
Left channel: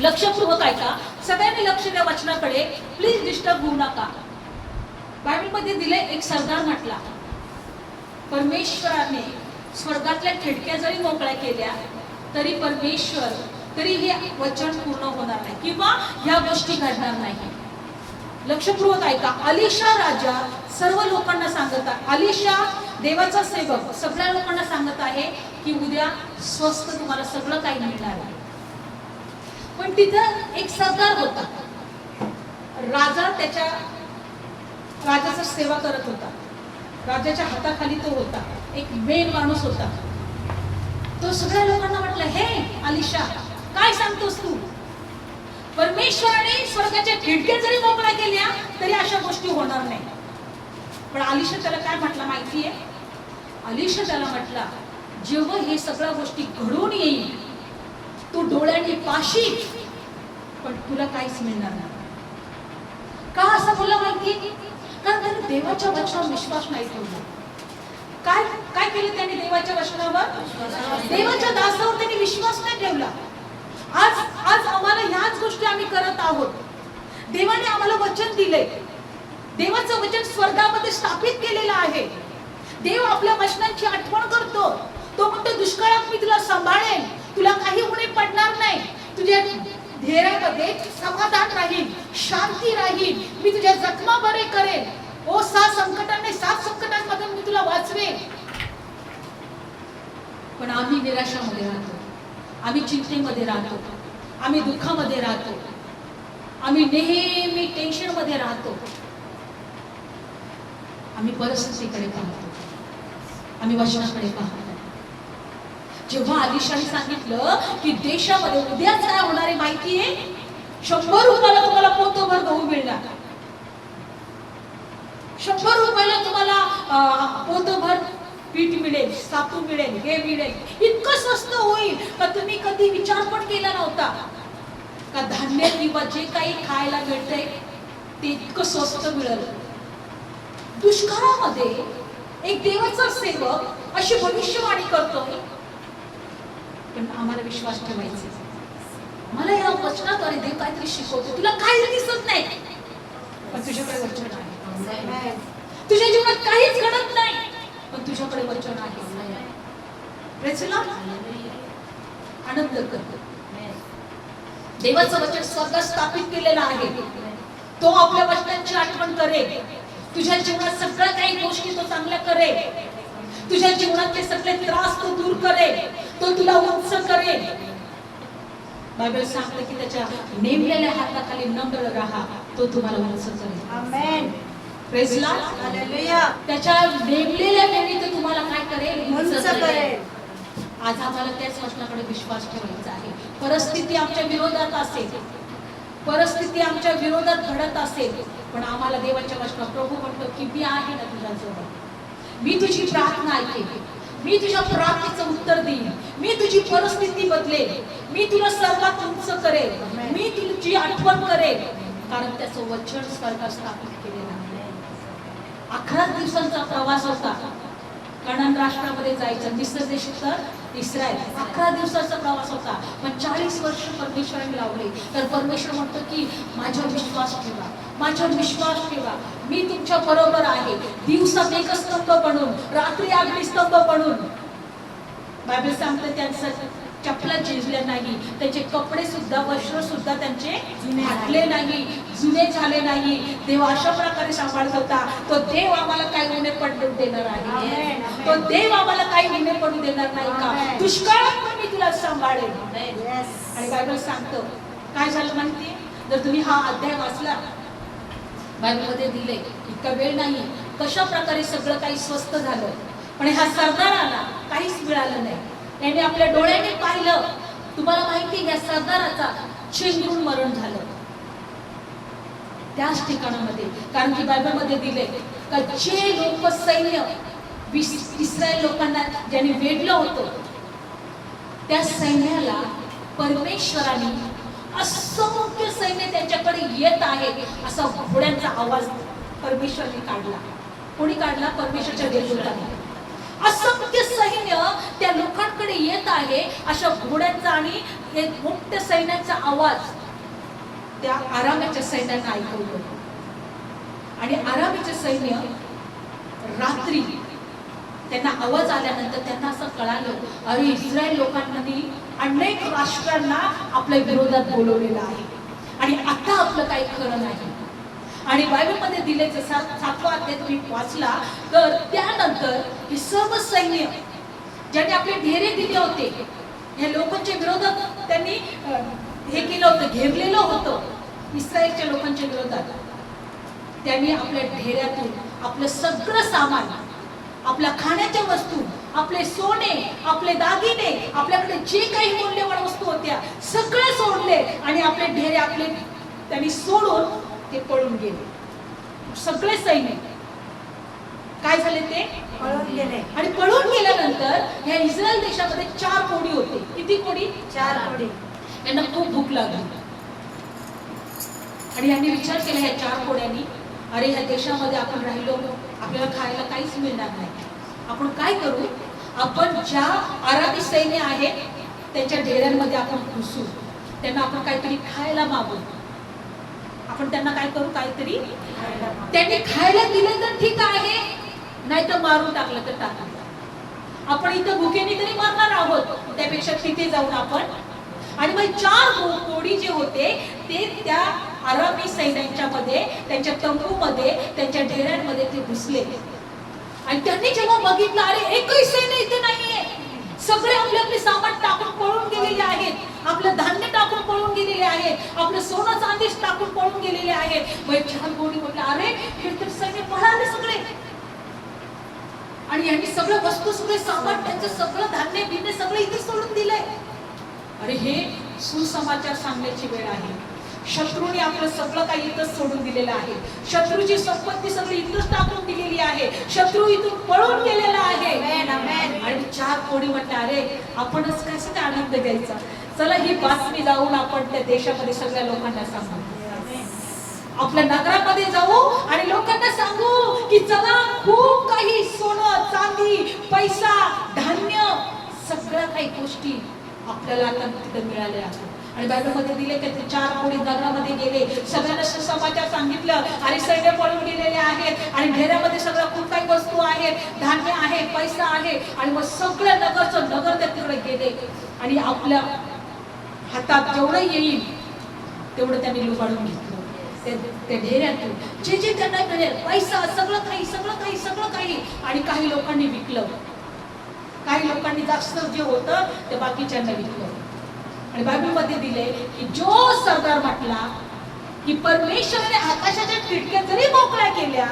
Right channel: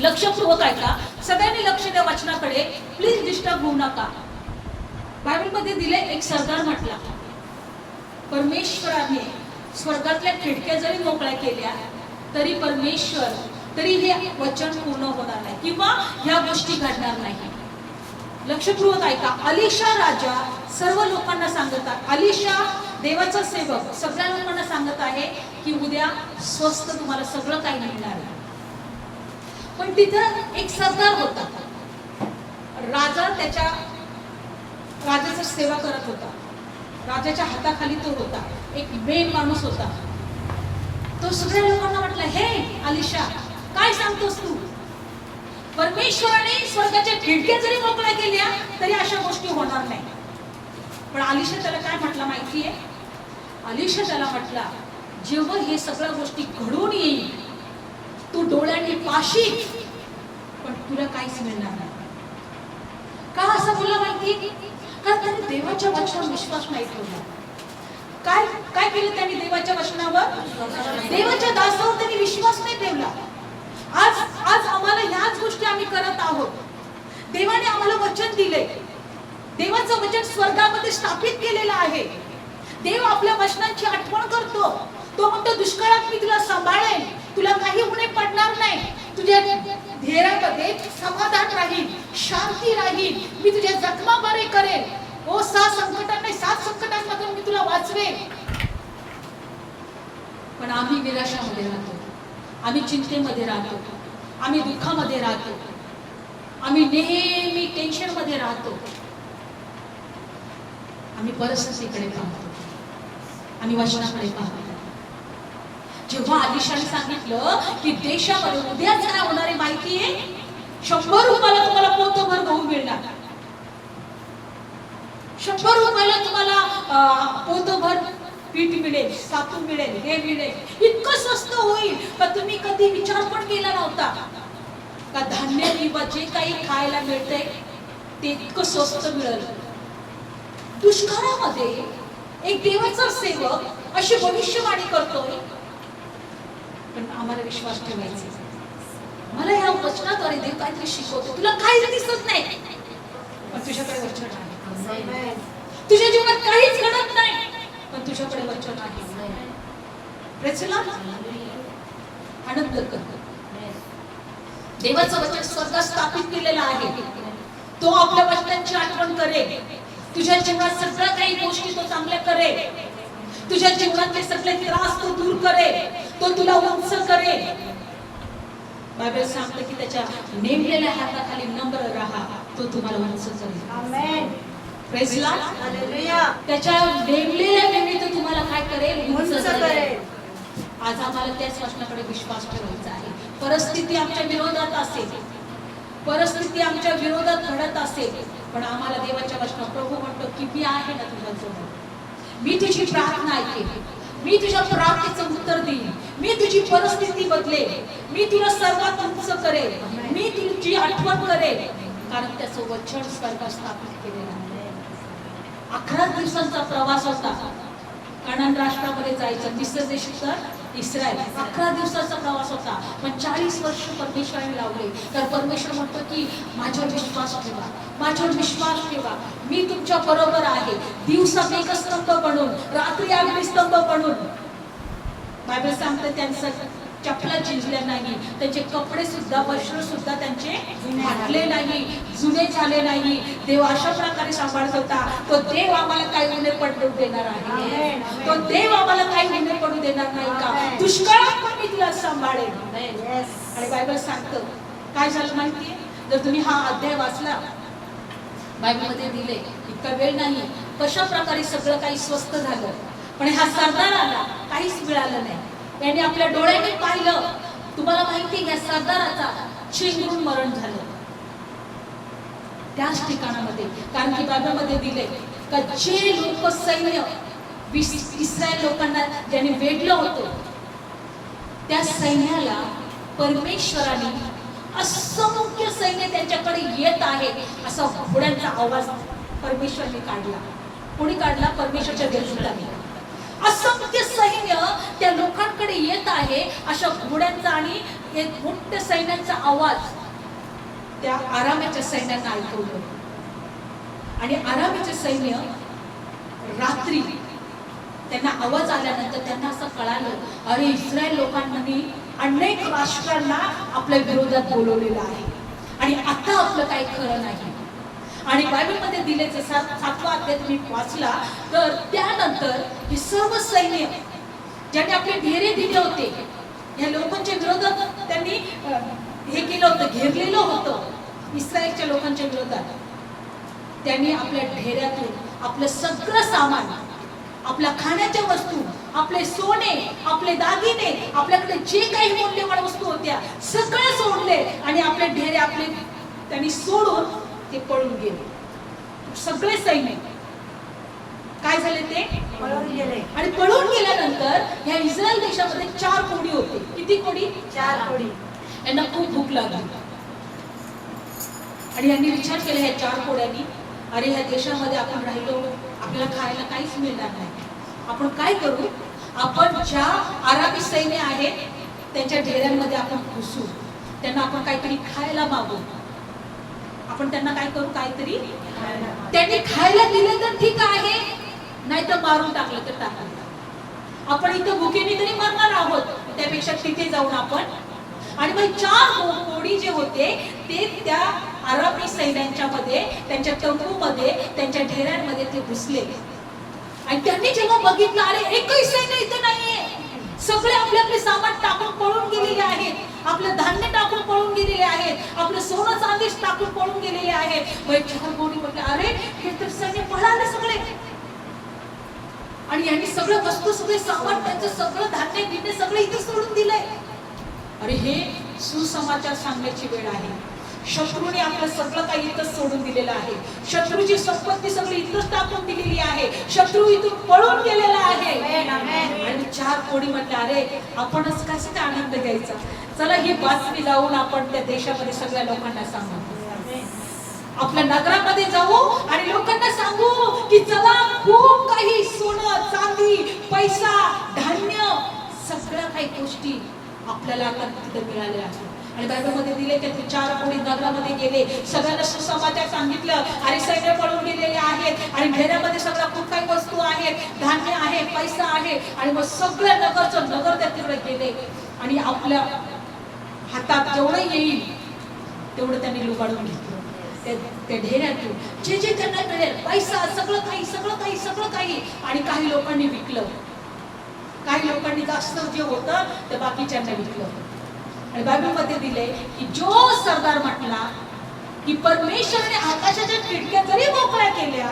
लक्षपूर्वक ऐका, सगळ्यांनी लक्ष द्या वचनाकडे, प्लीज डिस्टर्ब होऊ नका. बायबलमध्ये दिले, एक सरदार म्हटला, परमेश्वराने स्वर्गातल्या खिडक्या जरी मोकळ्या केल्या तरी हे वचन पूर्ण होणार नाही, किंवा ह्या गोष्टी घडणार नाही. लक्षपूर्वक ऐका. अलिशा राजा सर्व लोकांना सांगत आहे, अलिशा देवाचा सेवक सगळ्या लोकांना सांगत आहे की उद्या स्वस्त तुम्हाला सगळं काही मिळणार आहे. पण तिथं एक सरदार होता. राजा राजाचा सेवा करत होता. राजाच्या हाताखाली तो होता. एक मेन माणूस होता. तो सगळ्या लोकांना म्हटलं, हे अलिशा, काय सांगतोस तू? परमेश्वराने स्वर्गाच्या खिडक्या जरी मोकळ्या केल्या तरी अशा गोष्टी होणार नाही. पण अलिशा त्याला काय म्हटलं माहितीये? अलिशा त्याला म्हटला, जेव्हा हे सगळ्या गोष्टी घडून येईल तू डोळ्यांनी पाशील पण तुला काहीच मिळणार नाही. का असं बोलला माहिती? कारण त्याने देवाच्या वचनावर विश्वास नाही ठेवला. काय केलं त्यांनी देवाच्या वचनावर? देवाच्या दासावर त्यांनी विश्वास नाही ठेवला. आज आम्हाला ह्याच गोष्टी आम्ही करत आहोत. देवाने आम्हाला वचन दिले. देवाचं वचन स्वर्गामध्ये स्थापित केलेलं आहे. देव आपल्या वचनांची आठवण करतो. तो म्हणतो, दुष्काळात मी तुला सांभाळेन, तुला काही उणे पडणार नाही, तुझ्या ध्येयामध्ये समाधान राहील, शांती राहील, मी तुझ्या जखमा बरे करेन, 7 संकटांमधून मी तुला वाचवेन. पण आम्ही निराशामध्ये राहतो, आम्ही चिंतेमध्ये राहतो, आम्ही दुःखामध्ये राहतो, आम्ही नेहमी टेन्शन मध्ये राहतो. आम्ही परिस्थितीकडे पाहतो, आम्ही वचनाकडे पाहतो. जेव्हा अलिशाने सांगितलं की देशामध्ये उद्याच काय होणार आहे माहितीये? 100 रुपयाला तुम्हाला पोतभर गहू मिळणार, 100 रुपयाला तुम्हाला पोतभर पीठ मिळेल, सातू मिळेल, हे मिळेल. इतकं स्वस्त होईल का तुम्ही कधी विचार पण केला नव्हता. का धान्य किंवा जे काही खायला मिळतंय ते इतकं स्वस्त मिळेल. दुष्काळामध्ये एक देवाचा सेवक अशी भविष्यवाणी करतोय. पण आम्हाला विश्वास ठेवायचा. मला या वचनाद्वारे देव काहीतरी शिकवतो. तुला काही दिसत नाही पण तुझ्याकडे वचन आहे. तुझ्या जीवनात काहीच घडत नाही पण तुझ्याकडे वचन आहे. आनंद करतो. देवाचं वचन स्वर्गात स्थापित केलेलं आहे. तो आपल्या वचनांची आठवण करेल. तुझ्या जीवनात सगळ्या काही गोष्टी तो चांगल्या करेल. तुझ्या जीवनातले सगळे त्रास तो दूर करेल. तो तुला उंच करेल. बायबल सांगते की त्याच्या नेमलेल्या हाताखाली नम्र राहा, तो तुम्हाला उंच करेल. आमेन. Praise Lord. हालेलुया. त्याच्या नेमलेल्या वेळी तो तुम्हाला काय करेल? उंच उंच करेल. करेल. आज आम्हाला त्याच वचनाकडे विश्वास ठेवायचा आहे. परिस्थिती आमच्या विरोधात असेल, परिस्थिती आमच्या विरोधात घडत असेल, पण आम्हाला देवाच्या वचनात प्रभू म्हणतो की मी आहे ना तुझ्यासोबत. मी तुझी प्रार्थना ऐकेन, मी तुझ्या प्रार्थनेचं उत्तर देईन, मी तुझी परिस्थिती बदलेल, मी तुला सर्वात उंच करेल, मी तुझी आठवण करेल. कारण त्याचं वचन स्वर्गात स्थापित केलेलं आहे. 11 दिवसांचा प्रवास होता. कनान राष्ट्रामध्ये जायचं. मिस्र देश तर इस्रायल. 11 दिवसाचा प्रवास होता. पण 40 वर्ष परमेश्वराने लावले. तर परमेश्वर म्हणतो की माझ्यावर विश्वास ठेवा, माझ्यावर विश्वास ठेवा, मी तुमच्या बरोबर आहे. दिवसा मेघस्तंभ बनून, रात्री अग्निस्तंभ बनून. बायबल सांगतं त्यांचं चपला झिजल्या नाही, त्यांचे कपडे सुद्धा, वस्त्र सुद्धा त्यांचे फाटले नाही, जुने झाले नाही. देव अशा प्रकारे सांभाळत होता. तो देव आम्हाला काही उणे पडू देणार आहे. तो देव आम्हाला काही उणे पडू देणार नाही का? दुष्काळात पण मी तुला सांभाळेन. आणि बायबल सांगतं काय झालं माहितीये? जर तुम्ही हा अध्याय वाचला, बायबलमध्ये दिले, इतका वेळ नाही कशा प्रकारे सगळं काही स्वस्त झालं. पण हा सरदाराला काहीच मिळालं नाही. त्याने आपल्या डोळ्याने पाहिलं. तुम्हाला माहिती या सरदाराचा चिंगरून मरण झालं त्याच ठिकाणामध्ये. कारण की बायबलमध्ये दिले का जे लोक सैन्य इस्रायल लोकांना ज्यांनी वेढलं होतं, त्या सैन्याला परमेश्वराने असंख्य सैन्य त्यांच्याकडे येत आहे असा घोड्यांचा आवाज परमेश्वराने काढला. कोणी काढला? परमेश्वरच्या देवदूताने. असंख्य सैन्य त्या लोकांकडे येत आहे अशा घोड्यांचा आणि एक मोठ्या सैन्याचा आवाज त्या आरामाच्या सैन्याला ऐकवलं. आणि आरामाचे सैन्य रात्री त्यांना आवाज आल्यानंतर त्यांना असं कळालं, अरे इस्रायल लोकांनी अनेक राष्ट्रांना आपल्या विरोधात बोलवलेलं आहे आणि आता आपलं काही खरं नाही. आणि बायबलमध्ये दिले जसा 7वा अध्याय तुम्ही वाचला तर त्यानंतर हे सर्व सैन्य ज्यांनी आपले ढेरे दिले होते, या लोकांच्या विरोधात त्यांनी हे केलं होतं, घेरलेलं होतं इस्रायलच्या लोकांच्या विरोधात. त्यांनी आपल्या ढेऱ्यातून आपलं सगळं सामान, आपल्या खाण्याच्या वस्तू, आपले सोने, आपले दागिने, आपल्याकडे जे काही मूल्यवान वस्तू होत्या सगळे सोडले आणि आपले ढेरे आपले त्यांनी सोडून ते पळून गेले. सगळे सैन्य काय झाले? ते पळून गेले. आणि पळून गेल्यानंतर ह्या इस्रायल देशामध्ये 4 कोडी होते. किती कोडी? 4 कोडी. यांना खूप भूक लागली आणि यांनी विचार केला ह्या 4 कोड्यांनी, अरे ह्या देशामध्ये आपण राहिलो, आपल्याला खायला काहीच मिळणार नाही. आपण काय करू? आपण ज्या आरामी सैन्य आहेत त्यांच्या ढेऱ्यांमध्ये आपण घुसू, त्यांना आपण काहीतरी खायला मागू. आपण त्यांना काय करू? काहीतरी त्यांनी खायला दिलं तर ठीक आहे, नाही तर मारून टाकलं तर टाकलं. आपण इथं भुकेने तरी मरणार आहोत, त्यापेक्षा तिथे जाऊन आपण. आणि मग 4 कोडी जे होते ते त्या आरामी सैन्यांच्या मध्ये, त्यांच्या तंबूमध्ये, त्यांच्या ढेऱ्यांमध्ये ते घुसले. आणि त्यांनी जेव्हा बघितलं, अरे एकही सैन्य इथे नाहीये, सगळे आपले आपले सामान टाकून पळून गेलेले आहेत, आपलं धान्य टाकून पळून गेलेले आहेत, आपलं सोनं चांदी टाकून पळून गेलेले आहेत. मग 4 कोडी म्हटलं, अरे हे तर सैन्य पळाले सगळे. आणि यांनी सगळं वस्तू, सगळे सामान, त्यांचं सगळं धान्य बिन्य सगळं इथे सोडून दिलंय. अरे हे सुसमाचार सांगण्याची वेळ आहे. शत्रूने आपलं सगळं काही इथंच सोडून दिलेलं आहे. शत्रूची संपत्ती सगळी इथंच टाकून दिलेली आहे. शत्रू इथून पळून गेलेला आहे. आणि 4 कोडी म्हटलं, अरे आपणच कसं आनंद घ्यायचा, चला ही बातमी लावून आपण त्या देशामध्ये सगळ्या लोकांना सांगू, आपल्या नगरामध्ये जाऊ आणि लोकांना सांगू की चला खूप काही सोनं चांदी पैसा धान्य सगळ्या काही गोष्टी आपल्याला आता तिथे मिळाल्या आहेत. आणि बायबलमध्ये दिले की 4 कोडी नगरामध्ये गेले, सगळ्यांना सुसमाचार सांगितलं, अरे सैन्य पळून गेलेले आहेत आणि ढेऱ्यामध्ये सगळं खूप काही वस्तू आहेत, धान्य आहे, पैसा आहे. आणि मग सगळं नगर त्या तिकडे गेले आणि आपल्या हातात जेवढं येईल तेवढं त्यांनी लुबाडून घेतलं त्या ढेऱ्यातून. जे जे त्यांना मिळेल पैसा, सगळं काही. आणि काही लोकांनी विकलं, काही लोकांनी जास्त जे होतं ते बाकीच्यांना विकलं. आणि बायबलमध्ये दिले की जो सरदार म्हटला की परमेश्वराने आकाशाच्या खिडक्या जरी मोकळ्या केल्या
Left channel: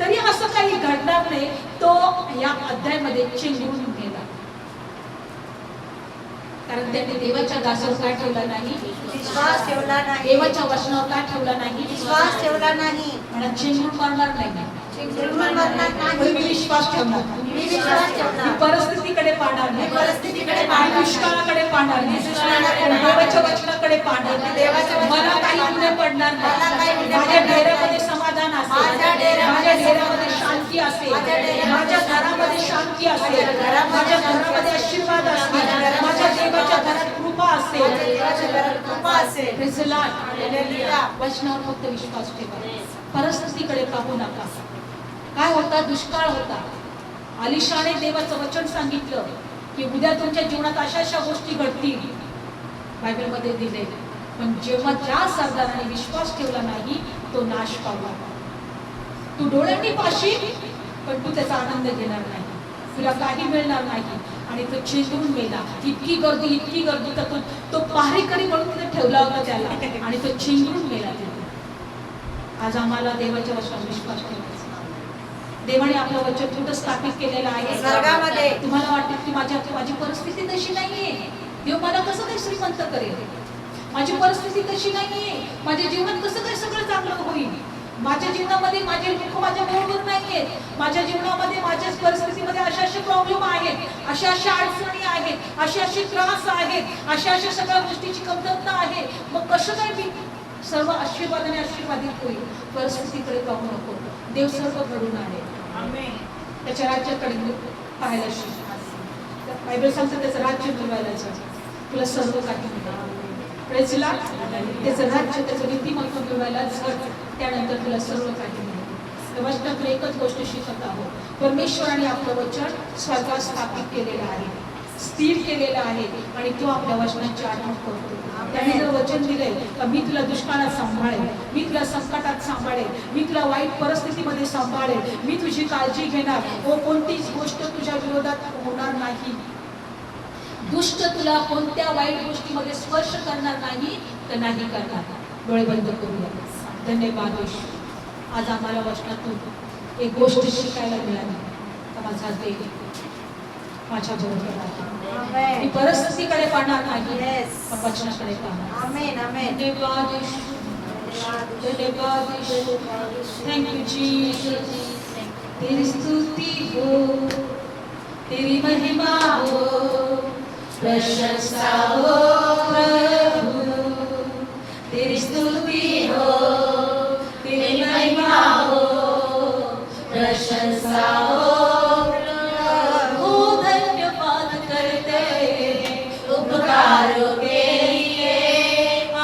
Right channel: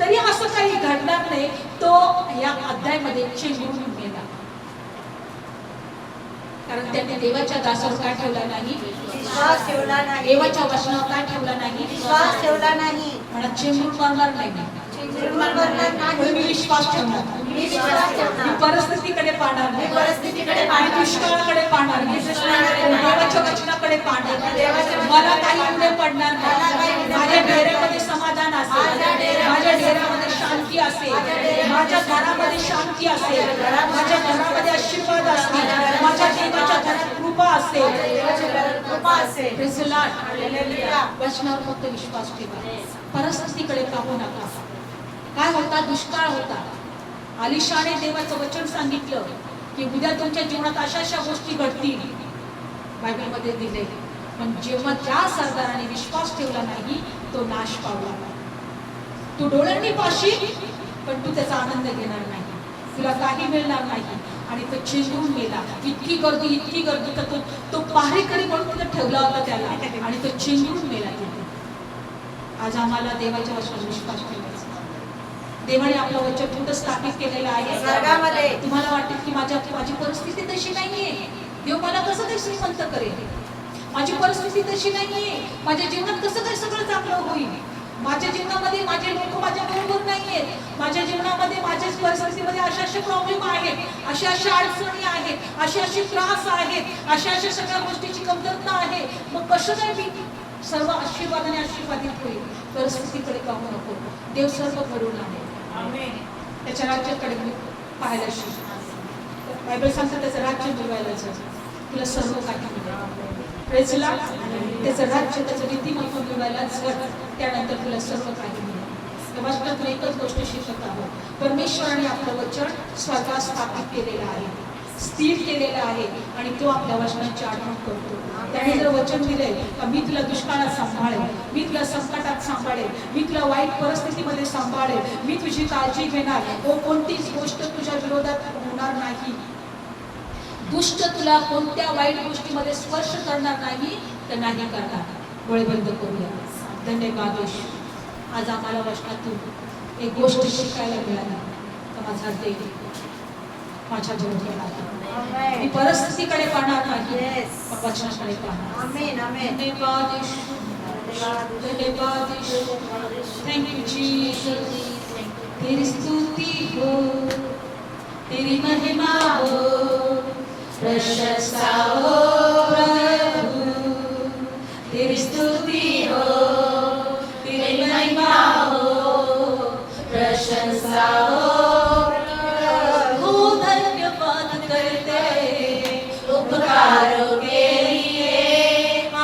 तरी असं काही घडणार नाही, तो या अध्यायामध्ये चिंगून गेला. कारण त्यांनी देवाच्या दासावर काय ठेवला नाही? विश्वास ठेवला नाही. देवाच्या वचनावर काय ठेवला नाही? विश्वास ठेवला नाही. मला चिंगून मारणार नाही, मी विश्वास ठेवणार. मी विश्वास ठेवणार. मी परिस्थितीकडे पाहणार नाही, परिस्थितीकडे आणि दुष्काळाकडे पाहणार नाही, देवाच्या वचनाकडे परिस्थितीकडे पाहणार. मला काही पुढे पडणार नाही. माझ्या डेऱ्यामध्ये समाधान असेल, माझ्या डेऱ्यामध्ये शांती असेल, माझ्या घरामध्ये शांती असेल, माझ्या घरामध्ये आशीर्वाद असतील, माझ्या देवाच्या घरात कृपा असेल. Praise the Lord. वचनावर फक्त विश्वास ठेवा, परिस्थितीकडे पाहू नका. काय होता? दुष्काळ होता. अलिशाने देवाचं वचन सांगितलं की उद्या तुमच्या जीवनात अशा अशा गोष्टी घडतील, बायबलमध्ये दिले. पण जेव्हा त्या सरदाराने विश्वास ठेवला नाही, तो नाश पावला. तू डोळ्यांनी पाशील, पण तू त्याचा आनंद घेणार नाही, तुला काही मिळणार नाही. आणि तो चिंतून मेला. इतकी गर्दी तर तो पहारेकरी म्हणून तिथे ठेवला होता त्याला, आणि तो चिंतून मेला तिथे. आज आम्हाला देवाच्या वचनावर विश्वास ठेवायचा. देवाने आपलं वचन कुठं स्थापित केलेलं आहे? तुम्हाला वाटते की माझी परिस्थिती तशी नाहीये, देव मला कसं काय श्रीमंत करेल, माझी परिस्थिती तशी नाहीये, माझ्या जीवनात कसं काय सगळं चांगलं होईल, माझ्या जीवनामध्ये माझे लोक माझ्या बरोबर नाहीये, माझ्या जीवनामध्ये माझ्या परिस्थितीमध्ये अशा अशा प्रॉब्लेम आहेत, अशा अशा अडचणी आहेत, असे असे त्रास आहेत, अशा अशा सगळ्या गोष्टीची कमतरता आहे. मग कसं काय मी सर्व आशीर्वादाने आशीर्वादित होईल? परिस्थितीकडे पाहू नको, देव सर्व घडून आहे. त्याच्या राज्याकडे पाहायला शिक. बायबल सांगतं त्याचं राज्य मिळवायला जा, तुला सर्व काही मिळेल. Praise the Lord. त्याचं राज्य, त्याचं नीतिमत्व मिळवायला झट, त्यानंतर तुला सर्व काही मिळेल. तेव्हा तुला एकच गोष्ट शिकत आहोत, परमेश्वराने आपलं वचन स्वर्गात स्थापित केलेलं आहे, स्थिर केलेलं आहे, आणि तो आपल्या वचनांची आठवण करतो. त्याने जर वचन दिले तर मी तुला दुष्काळात सांभाळेल, मी तुला संकटात सांभाळेल, मी तुला वाईट परिस्थितीमध्ये सांभाळेल, मी तुझी काळजी घेणार, कोणतीच गोष्ट तुझ्या विरोधात होणार नाही, दुष्ट तुला कोणत्या वाईट गोष्टीमध्ये स्पर्श करणार नाही, तर नाही करणार. डोळे बंद करूया. धन्यवाद येशू. आज आम्हाला वचनातून एक गोष्ट शिकायला मिळाली तर माझा देव माझ्या बरोबर आहे. मी परिस्थितीकडे पाहणार नाही, पण वचनाकडे पाहणार. धन्यवाद येशू. धन्यवाद येशू. Thank you Jesus. तेरी स्तुति हो, तेरी महिमा हो, प्रशंसा हो प्रभु. तेरी स्तुति हो, तेरी महिमा हो, प्रशंसा हो प्रभु. धन्यवाद करते उपकारों के लिए,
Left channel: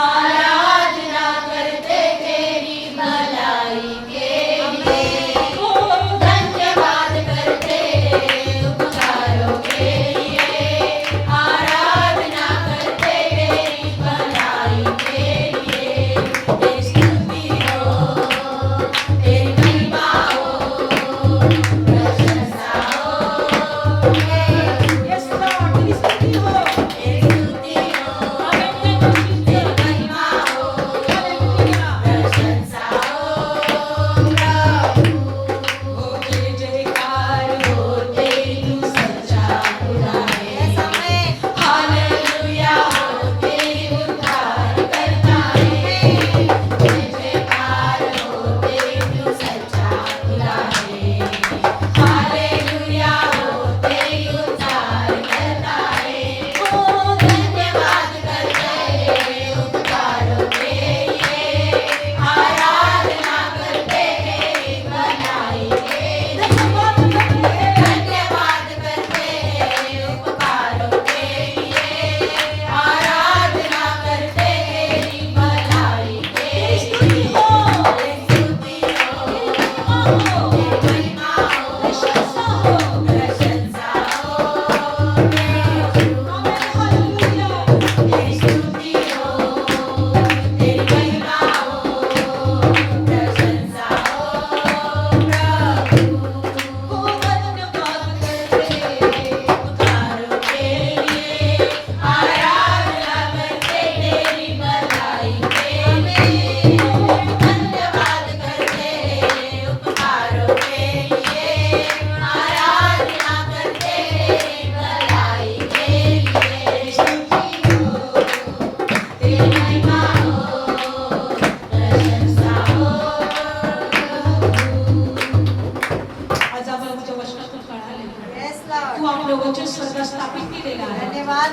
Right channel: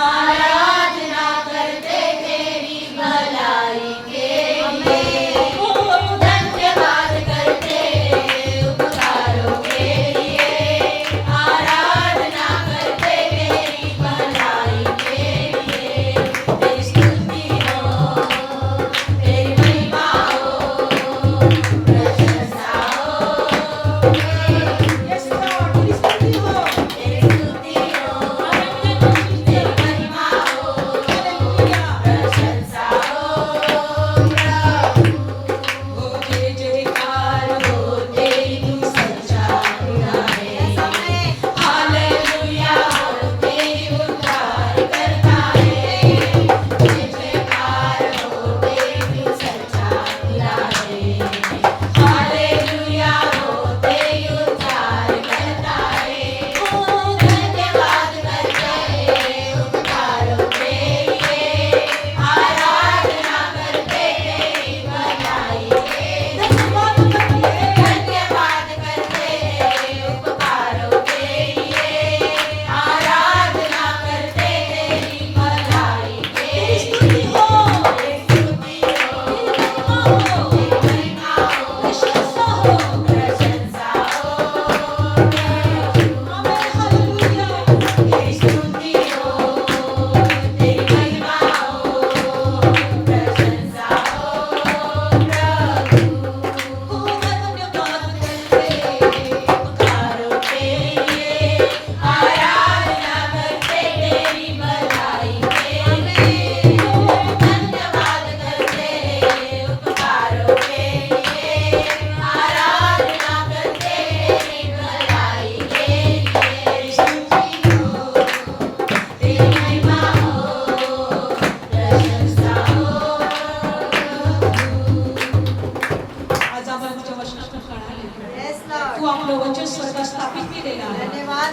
आराधना करते तेरी भलाई के लिए. धन्यवाद करते उपकारों के लिए, आराधना करते तेरी भलाई के लिए. तेरी स्तुति हो, तेरी महिमा हो, प्रशंसा हो. Yes Lord, तेरी स्तुति हो, तेरी स्तुति हो,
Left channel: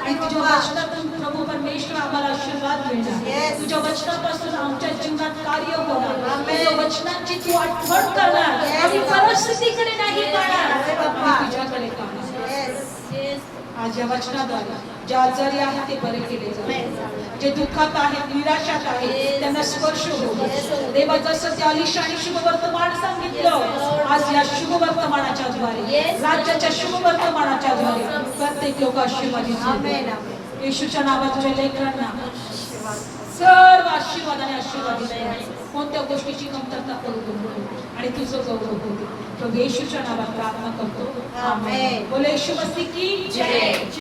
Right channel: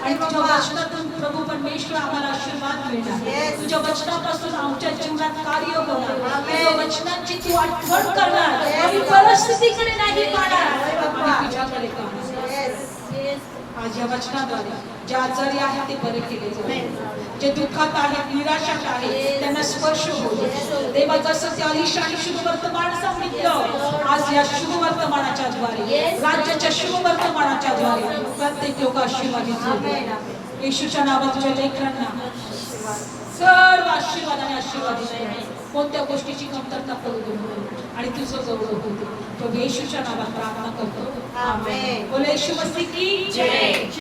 आणि तुझ्या वचनातून प्रभू परमेश्वर आम्हाला आशीर्वाद मिळणार. Yes. तुझ्या वचनापासून आमच्या जीवनात कार्य होणार. Amen. तुझ्या वचनांची तू आठवण करणार. Yes. आम्ही परिस्थितीकडे नाही पाहणार, आम्ही तुझ्याकडे पाहणार. Yes. आज या वचनाद्वारे जे आजारी आहेत ते बरे केले जातील, जे दुःखात आहेत, निराशात आहेत, त्यांना स्पर्श होईल. देवा जसं ते अलिशानी शुभ वर्तमान सांगितलं, आज या शुभ वर्तमानाच्या द्वारे, राज्याच्या शुभ वर्तमानाच्या द्वारे प्रत्येक लोक आशीर्वादित होतील. येशूच्या नावात तुझ्या लेकरांना सर्व आशीर्वादाने आशीर्वादित आहे. कोणत्या गोष्टीची कमतरता पडू नको आणि तुझं गौरव होते. तो येशूच्या नावात प्रार्थना करतो. आमेन. बोले येशू मसीह की जय.